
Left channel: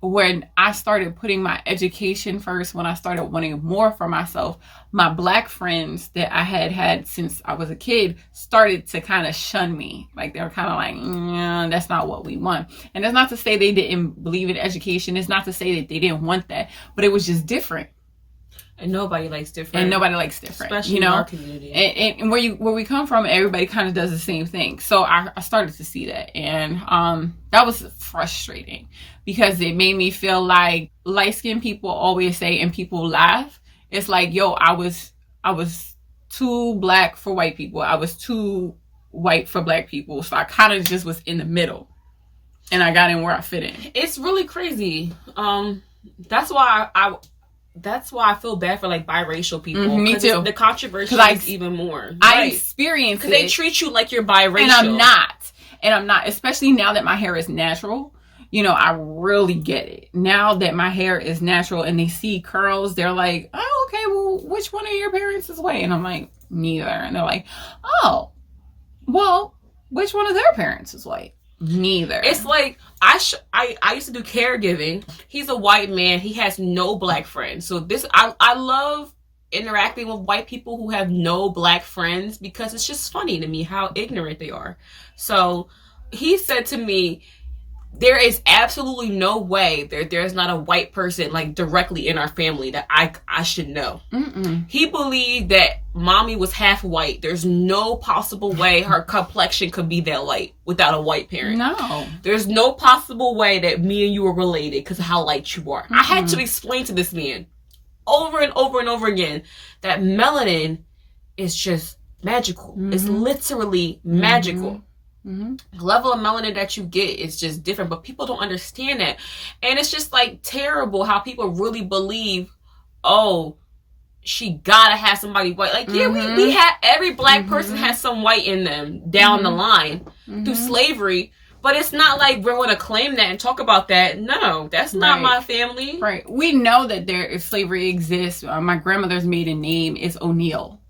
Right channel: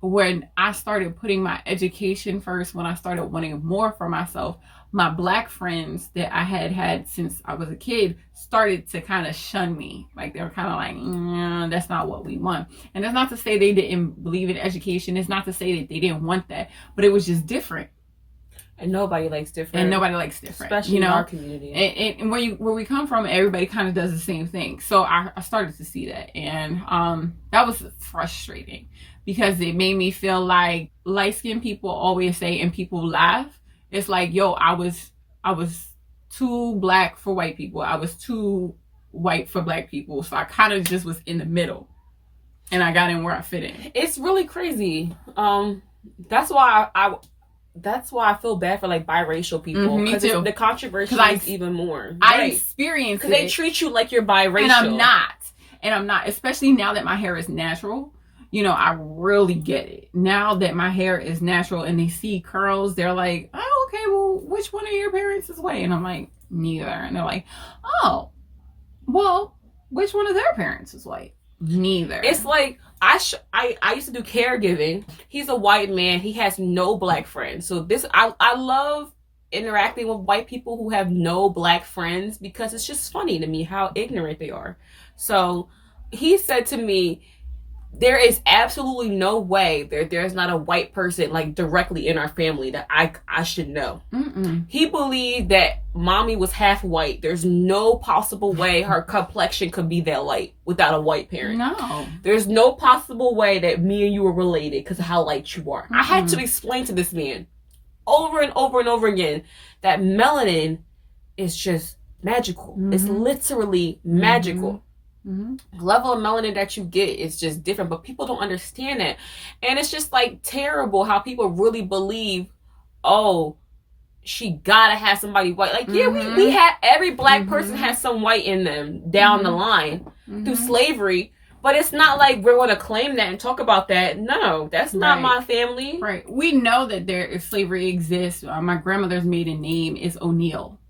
when I started putting my education first, when I started wanting more for myself, my Black friends that I had since I was a kid started to kind of shun me. Like, they were kind of like, nah, that's not what we want. And that's not to say they didn't believe in education. It's not to say that they didn't want that, but it was just different. And nobody likes different. Especially, in our community. And where we come from, everybody kind of does the same thing. So I started to see that. And that was frustrating because it made me feel like light-skinned people always say, and people laugh, it's like, yo, I was too Black for white people. I was too white for Black people. So I kind of just was in the middle. And I got in where I fit in. It's really crazy. That's why I feel bad for like biracial people. Mm-hmm, me too. The controversy is even more. I experience it. Because they treat you like you're biracial. And I'm not. Especially now that my hair is natural. You know, I really get it. Now that my hair is natural and they see curls, they're like, oh, okay, well, which one of your parents is white? And I'm like, neither. And they're like, oh, well, which one of their parents is white? Neither. It's like, I used to do caregiving. He's a white man. He has no Black friends. So I love interacting with white people who have no Black friends because it's just funny to me how ignorant they are. So he said to me, there is absolutely no way there's not a white person like directly in our family that I should know. Mm-mm. He believed that mommy was half white. There's no possible way her complexion could be that light without a white parent. No. There's no possible way that me and you are related because of how light you are. Mm-hmm. I had to explain to this man over and over and over again that melanin is just magical. Mm-hmm. It's literally magical. Mm-hmm. The level of melanin that you get is just different, but people don't understand that. And it's just like terrible how people really believe, oh, she gotta have somebody white. Like, yeah, we have, every Black person has some white in them down the line through slavery, but it's not like we're going to claim that and talk about that. No, that's not my family. Right. We know that slavery exists. My grandmother's maiden name is O'Neill.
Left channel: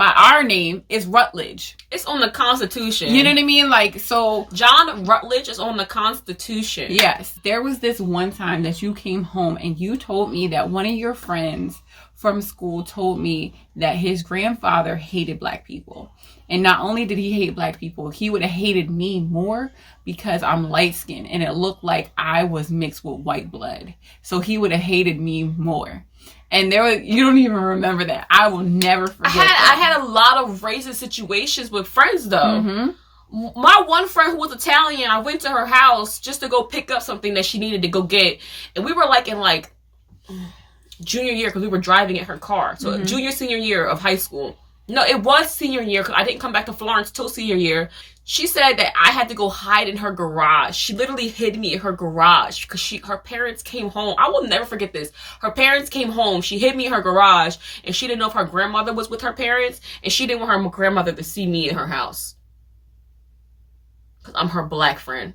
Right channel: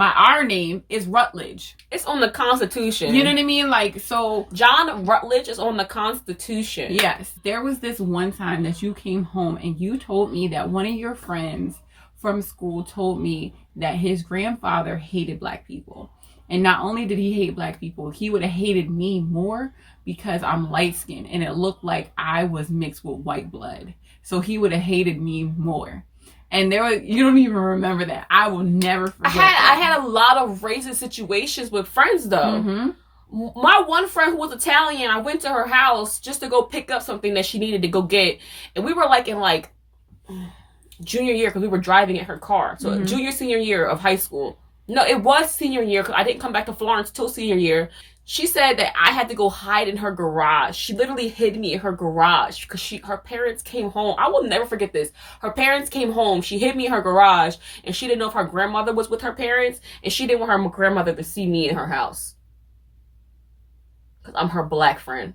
Our name is Rutledge. It's on the Constitution. You know what I mean? Like, so John Rutledge is on the Constitution. Yes. There was this one time that you came home and you told me that one of your friends from school told me that his grandfather hated Black people. And not only did he hate Black people, he would have hated me more because I'm light-skinned and it looked like I was mixed with white blood. So he would have hated me more. And you don't even remember that. I will never forget I had a lot of racist situations with friends, though. Mm-hmm. My one friend who was Italian, I went to her house just to go pick up something that she needed to go get. And we were like in like junior year because we were driving in her car. So junior, senior year of high school. No, it was senior year because I didn't come back to Florence till senior year. She said that I had to go hide in her garage. She literally hid me in her garage because her parents came home. I will never forget this. Her parents came home. She hid me in her garage and she didn't know if her grandmother was with her parents and she didn't want her grandmother to see me in her house. Because I'm her Black friend.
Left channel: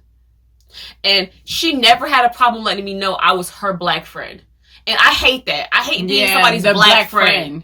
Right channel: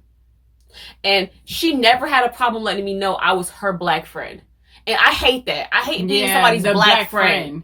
And she never had a problem letting me know I was her Black friend. And I hate that. I hate being somebody's Black friend.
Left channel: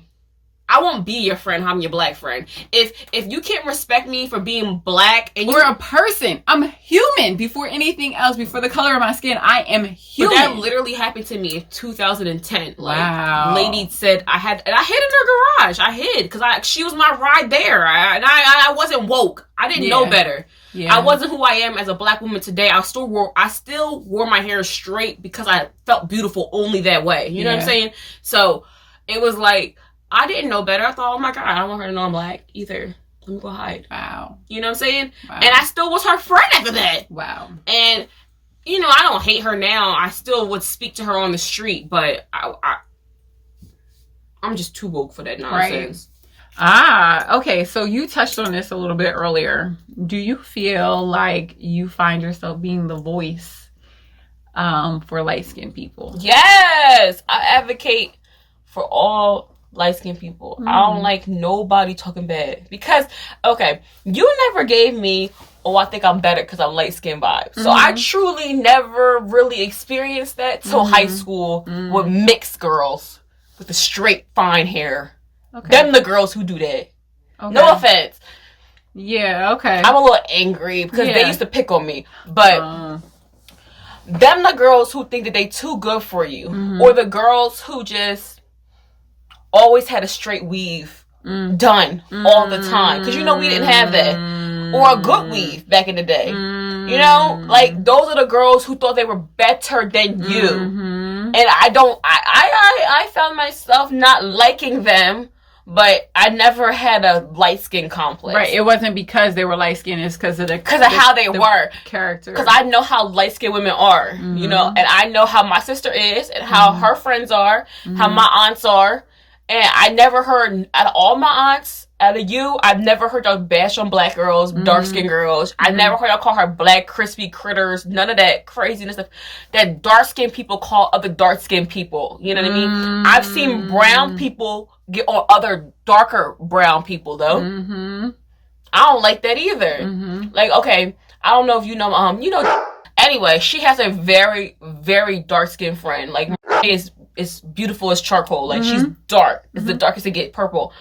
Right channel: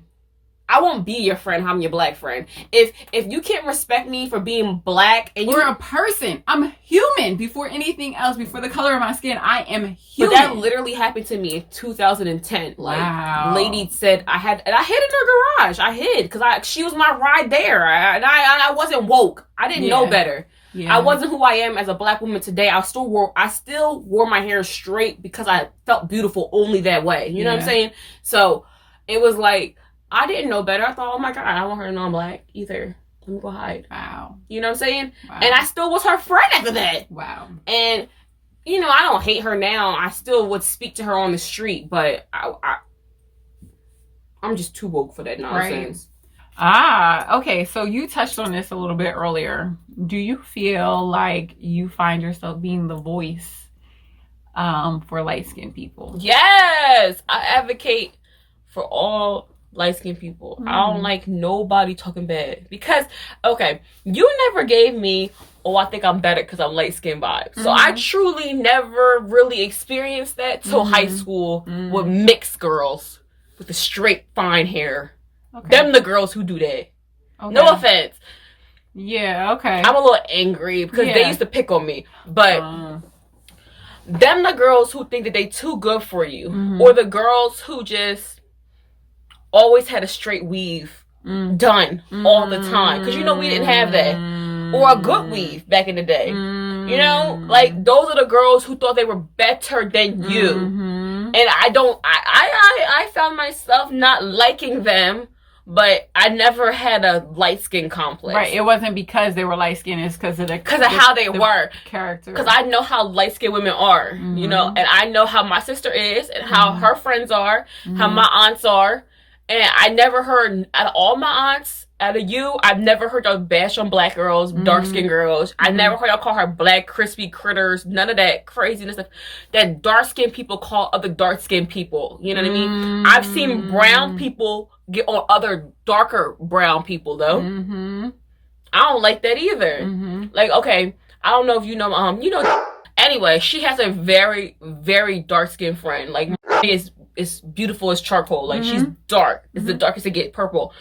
I won't be your friend. I'm your Black friend. If you can't respect me for being Black and you're a person, I'm human before anything else. Before the color of my skin, I am human. But that literally happened to me in 2010. Like, wow. Lady said I hid in her garage. I hid because she was my ride there. I wasn't woke. I didn't know better. Yeah. I wasn't who I am as a Black woman today. I still wore my hair straight because I felt beautiful only that way. You know what I'm saying? So it was like, I didn't know better. I thought, oh my God, I don't want her to know I'm black either. Let me go hide. Wow. You know what I'm saying? Wow. And I still was her friend after that. Wow. And, you know, I don't hate her now. I still would speak to her on the street, but I'm just too woke for that nonsense. Right. Okay. So you touched on this a little bit earlier. Do you feel like you find yourself being the voice for light-skinned people? Yes. I advocate for all light-skinned people. I don't like nobody talking bad. Because, okay, you never gave me, I think I'm better because I'm light-skinned vibes. So I truly never really experienced that till high school with mixed girls with the straight, fine hair. Okay. Them the girls who do that. Okay. No offense. Yeah, okay. I'm a little angry because they used to pick on me. But them the girls who think that they too good for you. Or the girls who just always had a straight weave done all the time. Because, you know, we didn't have that. Or a good weave back in the day. You know? Like, those are the girls who thought they were better than you. And I found myself not liking them. But I never had a light skin complex. Right. It wasn't because they were light skinned. It's because of how they were. Character. Because I know how light skinned women are. You know, and I know how my sister is and how her friends are, how my aunts are. And I never heard, out of all my aunts, out of you, I've never heard y'all bash on black girls, dark skinned girls. I never heard y'all call her black crispy critters. None of that craziness stuff that dark skinned people call other dark skinned people. You know what I mean? I've seen brown people get on other darker brown people though. I don't like that either. Like, okay, I don't know if you know, anyway, she has a very, very dark skinned friend. Like, is beautiful as charcoal. Like, she's dark. It's the darkest to get purple.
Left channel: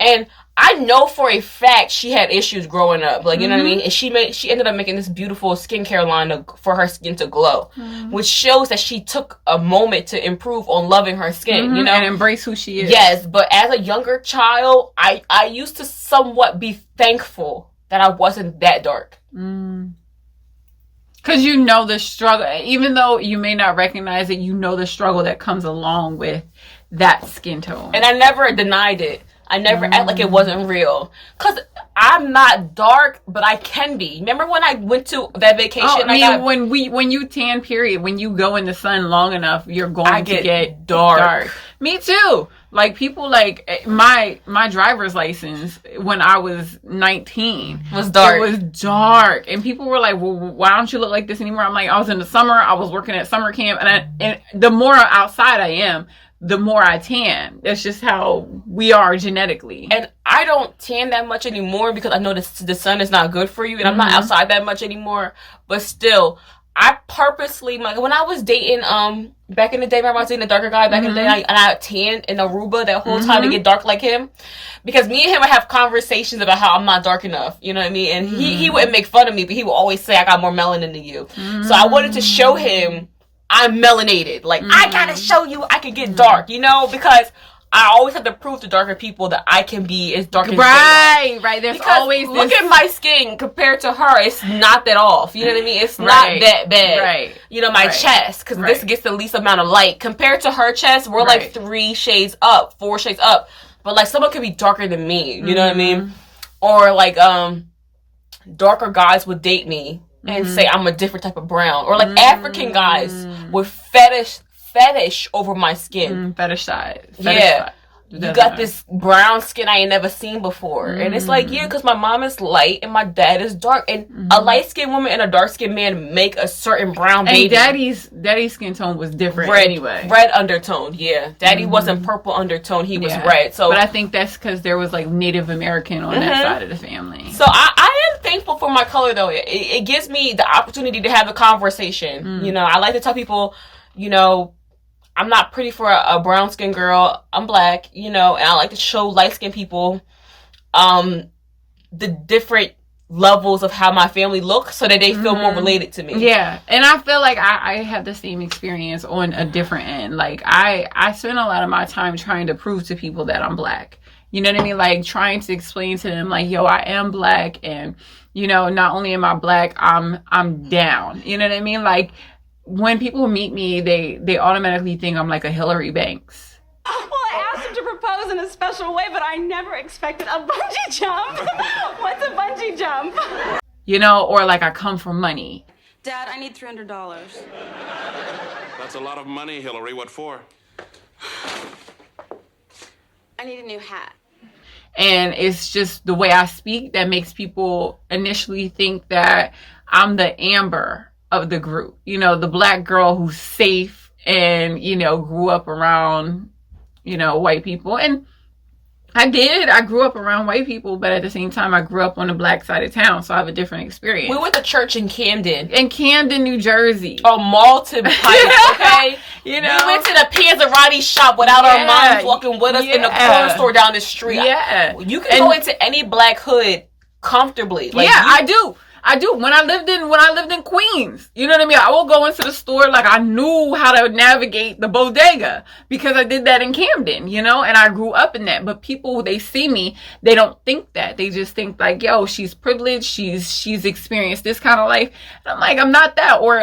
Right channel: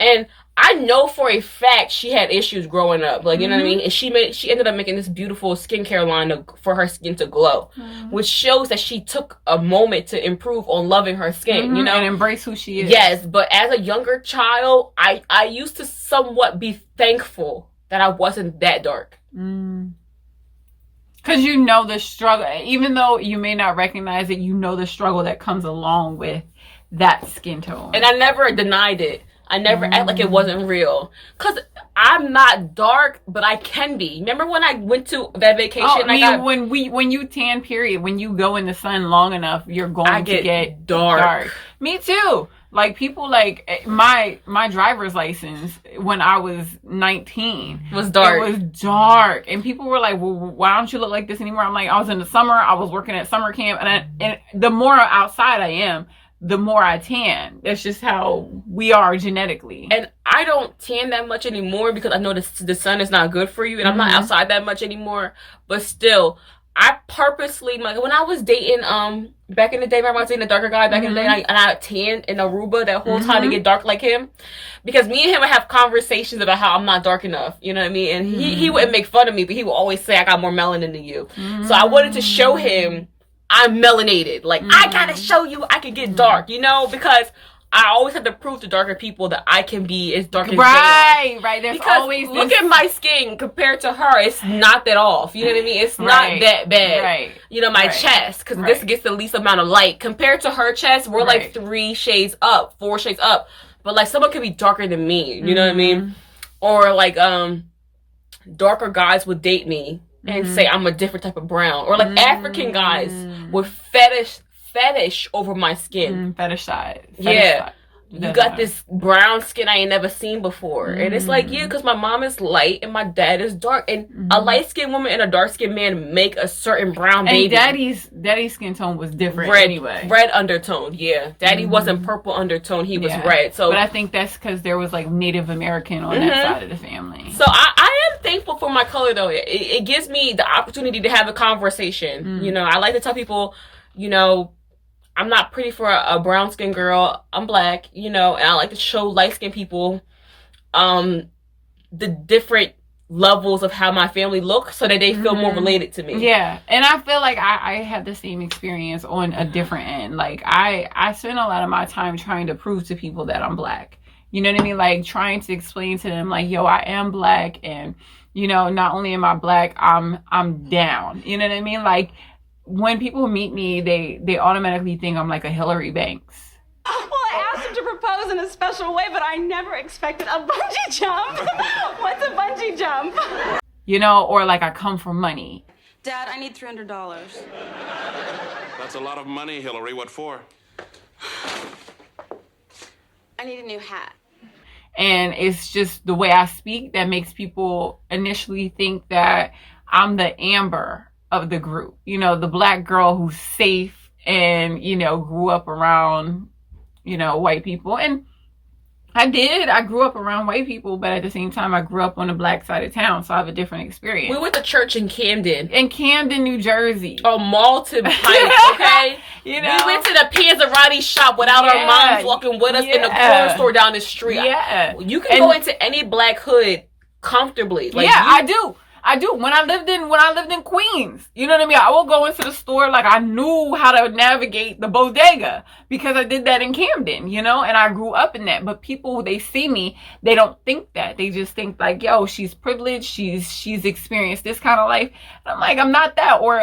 And I know for a fact she had issues growing up. Like, you know what I mean? And she ended up making this beautiful skincare line for her skin to glow. Which shows that she took a moment to improve on loving her skin, you know? And embrace who she is. Yes, but as a younger child, I used to somewhat be thankful that I wasn't that dark. Because you know the struggle. Even though you may not recognize it, you know the struggle that comes along with that skin tone. And I never denied it. I never act like it wasn't real. Because I'm not dark, but I can be. Remember when I went to that vacation? When you tan, period, when you go in the sun long enough, you're going to get dark. Me too. Like, people, like, my driver's license when I was 19 was dark. It was dark. And people were like, well, why don't you look like this anymore? I'm like, I was in the summer. I was working at summer camp. And the more outside I am, the more I tan. That's just how we are genetically. And I don't tan that much anymore because I know the sun is not good for you. And I'm not outside that much anymore. But still, I purposely, when I was dating, back in the day, remember I was dating a darker guy back in the day, and I tanned in Aruba that whole time to get dark like him. Because me and him would have conversations about how I'm not dark enough. You know what I mean? And he wouldn't make fun of me, but he would always say, I got more melanin than you. So I wanted to show him I'm melanated. Like, I gotta show you I can get dark, you know? Because I always have to prove to darker people that I can be as dark as they are. Right. There's because always look at my skin compared to her. It's not that off. You know what I mean? It's not that bad. Right. You know, my chest, because this gets the least amount of light. Compared to her chest, we're like 3 shades up, 4 shades up. But like, someone could be darker than me. You know what I mean? Or like, darker guys would date me and say I'm a different type of brown. Or like African guys would fetish over my skin. Fetishize. Yeah. You got this brown skin I ain't never seen before. And it's like, yeah, because my mom is light and my dad is dark. And a light-skinned woman and a dark-skinned man make a certain brown baby. And daddy's skin tone was different anyway. Red undertone, yeah. Daddy wasn't purple undertone. He was red. So, but I think that's because there was like Native American on that side of the family. So I am thankful for my color, though. It gives me the opportunity to have a conversation. You know, I like to tell people, you know, I'm not pretty for a brown skinned girl. I'm black, you know, and I like to show light skinned people the different levels of how my family looks so that they feel more related to me. Yeah. And I feel like I have the same experience on a different end. Like I spend a lot of my time trying to prove to people that I'm black. You know what I mean? Like trying to explain to them like, yo, I am black, and you know, not only am I black, I'm down. You know what I mean? Like, when people meet me, they automatically think I'm like a Hillary Banks. Well, I asked him to propose in a special way, but I never expected a bungee jump. What's a bungee jump? You know, or like I come for money. Dad, I need $300. That's a lot of money, Hillary. What for? I need a new hat. And it's just the way I speak that makes people initially think that I'm the Amber of the group. You know, the black girl who's safe and, you know, grew up around, you know, white people. And I did. I grew up around white people, but at the same time, I grew up on the black side of town, so I have a different experience. We went to church in Camden. In Camden, New Jersey. Oh, Malton Pike, okay? You know? We went to the Panzerotti shop without our moms walking with us in the corner store down the street. Yeah. You can go into any black hood comfortably. Like, I do. When I lived in Queens, you know what I mean? I will go into the store like I knew how to navigate the bodega because I did that in Camden, you know, and I grew up in that. But people, they see me, they don't think that. They just think like, yo, she's privileged, she's experienced this kind of life. And I'm like, I'm not that. Or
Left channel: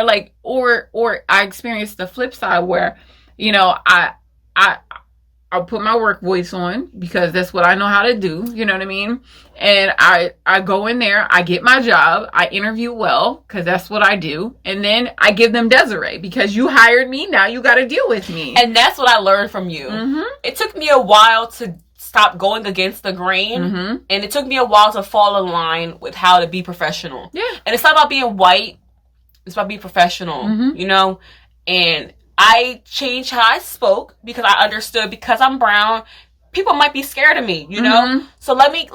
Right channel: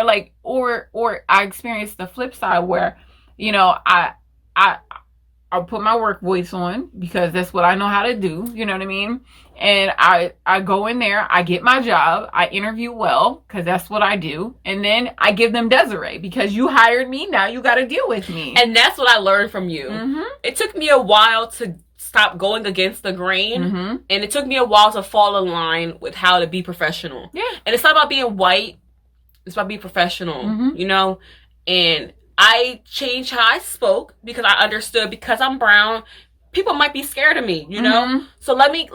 I experienced the flip side where, you know, I'll put my work voice on because that's what I know how to do. You know what I mean? And I go in there, I get my job, I interview well because that's what I do. And then I give them Desiree because you hired me. Now you got to deal with me. And that's what I learned from you. Mm-hmm. It took me a while to stop going against the grain. Mm-hmm. And it took me a while to fall in line with how to be professional. Yeah. And it's not about being white. It's about being professional, you know? And I changed how I spoke because I understood because I'm brown, people might be scared of me, you know? So let me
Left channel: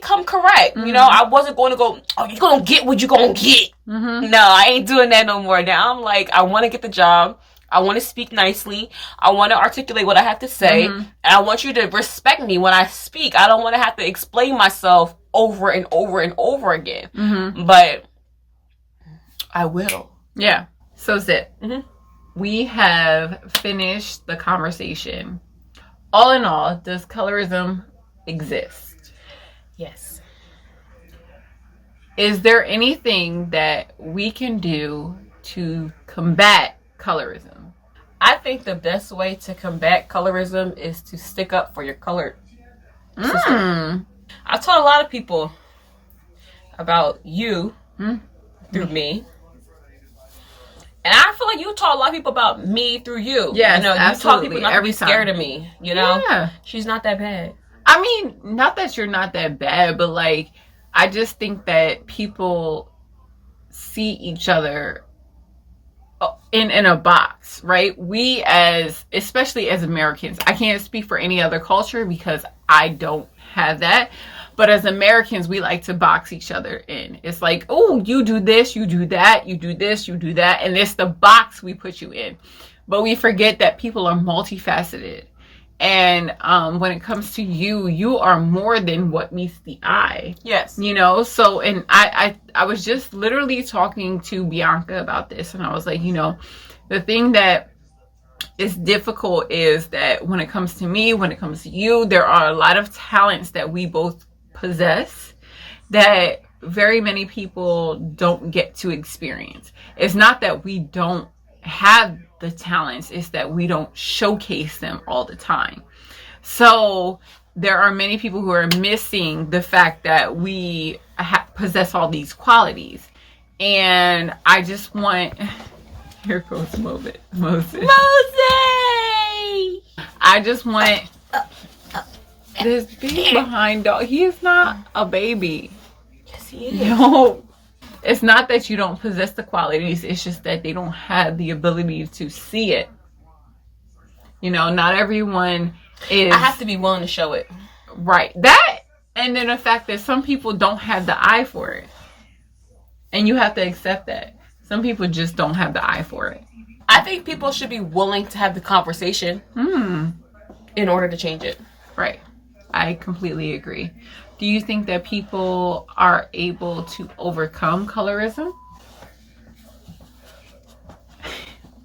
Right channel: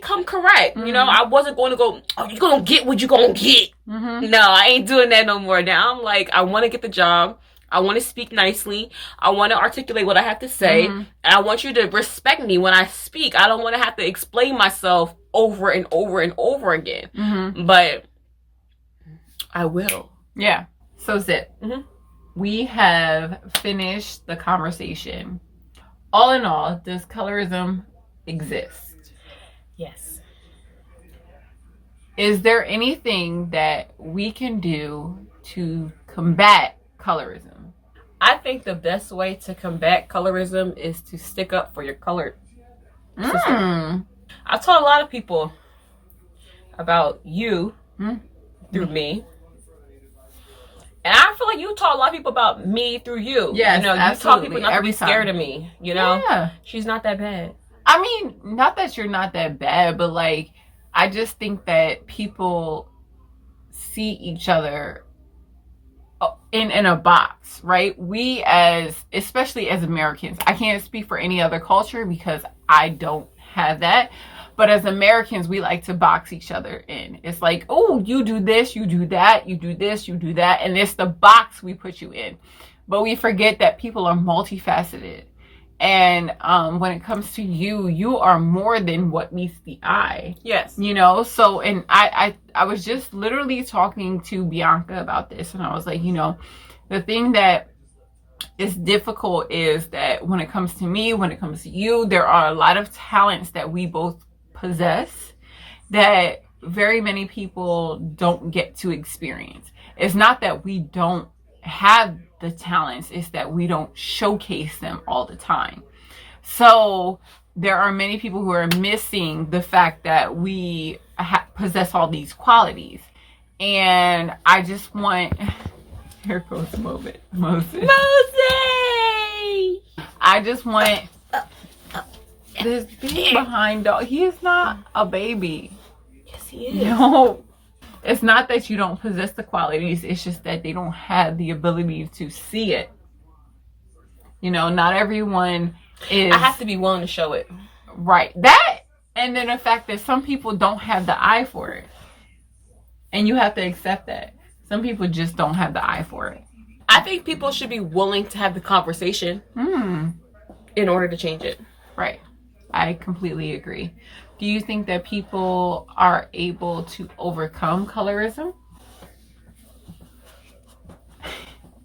come correct. You know, I wasn't going to go, oh, you're going to get what you're going to get. No, I ain't doing that no more. Now I'm like, I want to get the job. I want to speak nicely. I want to articulate what I have to say. And I want you to respect me when I speak. I don't want to have to explain myself over and over and over again. But I will. Yeah. So Zip. We have finished the conversation. All in all, does colorism exist? Yes. Is there anything that we can do to combat colorism? I think the best way to combat colorism is to stick up for your colored sister. I've told a lot of people about you through me. And I feel like you taught a lot of people about me through you. Yes, you know, absolutely. You taught people not Every to be scared of me. You know, Yeah. She's not that bad. I mean, not that you're not that bad, but like, I just think that people see each other in a box, right? We especially as Americans, I can't speak for any other culture because I don't have that. But as Americans, we like to box each other in. It's like, oh, you do this, you do that, you do this, you do that. And it's the box we put you in. But we forget that people are multifaceted. And when it comes to you, you are more than what meets the eye. Yes. You know, so, and I was just literally talking to Bianca about this. And I was like, you know, the thing that is difficult is that when it comes to me, when it comes to you, there are a lot of talents that we both possess that very many people don't get to experience. It's not that we don't have the talents, it's that we don't showcase them all the time. So there are many people who are missing the fact that we possess all these qualities. And I just want, here goes Moses. I just want this big behind dog. He is not a baby. Yes, he is. No. It's not that you don't possess the qualities. It's just that they don't have the ability to see it. You know, not everyone is. I have to be willing to show it. Right. That, and then the fact that some people don't have the eye for it. And you have to accept that. Some people just don't have the eye for it. I think people should be willing to have the conversation in order to change it. Right. I completely agree. Do you think that people are able to overcome colorism?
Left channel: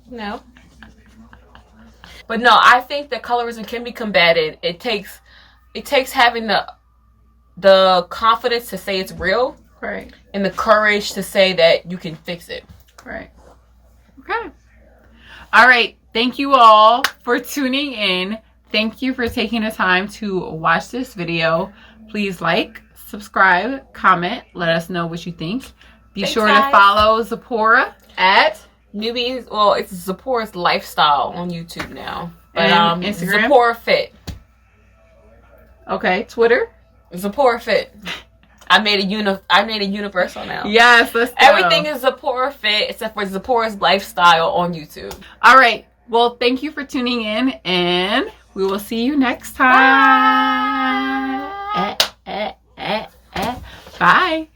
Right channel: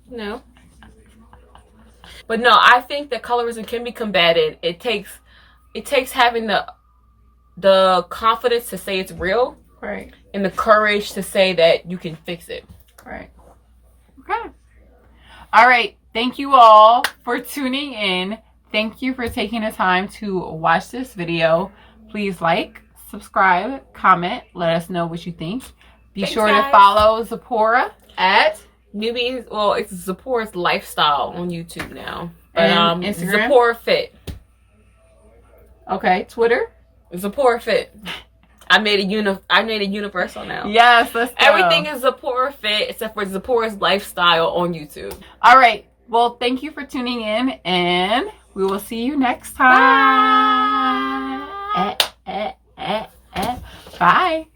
No. But no, I think that colorism can be combated. It takes having the confidence to say it's real. Right. And the courage to say that you can fix it. Right. Okay. All right. Thank you all for tuning in. Thank you for taking the time to watch this video. Please like, subscribe, comment, let us know what you think. Be Thanks, sure guys. to follow Zipporah at Newbies, well, it's Zipporah's Lifestyle on YouTube now. But and Instagram. Zipporah Fit. Okay, Twitter. Zipporah Fit. I made a universal now. Yes, let's go. Everything is Zipporah Fit except for Zipporah's Lifestyle on YouTube. All right. Well, thank you for tuning in, and we will see you next time. Bye.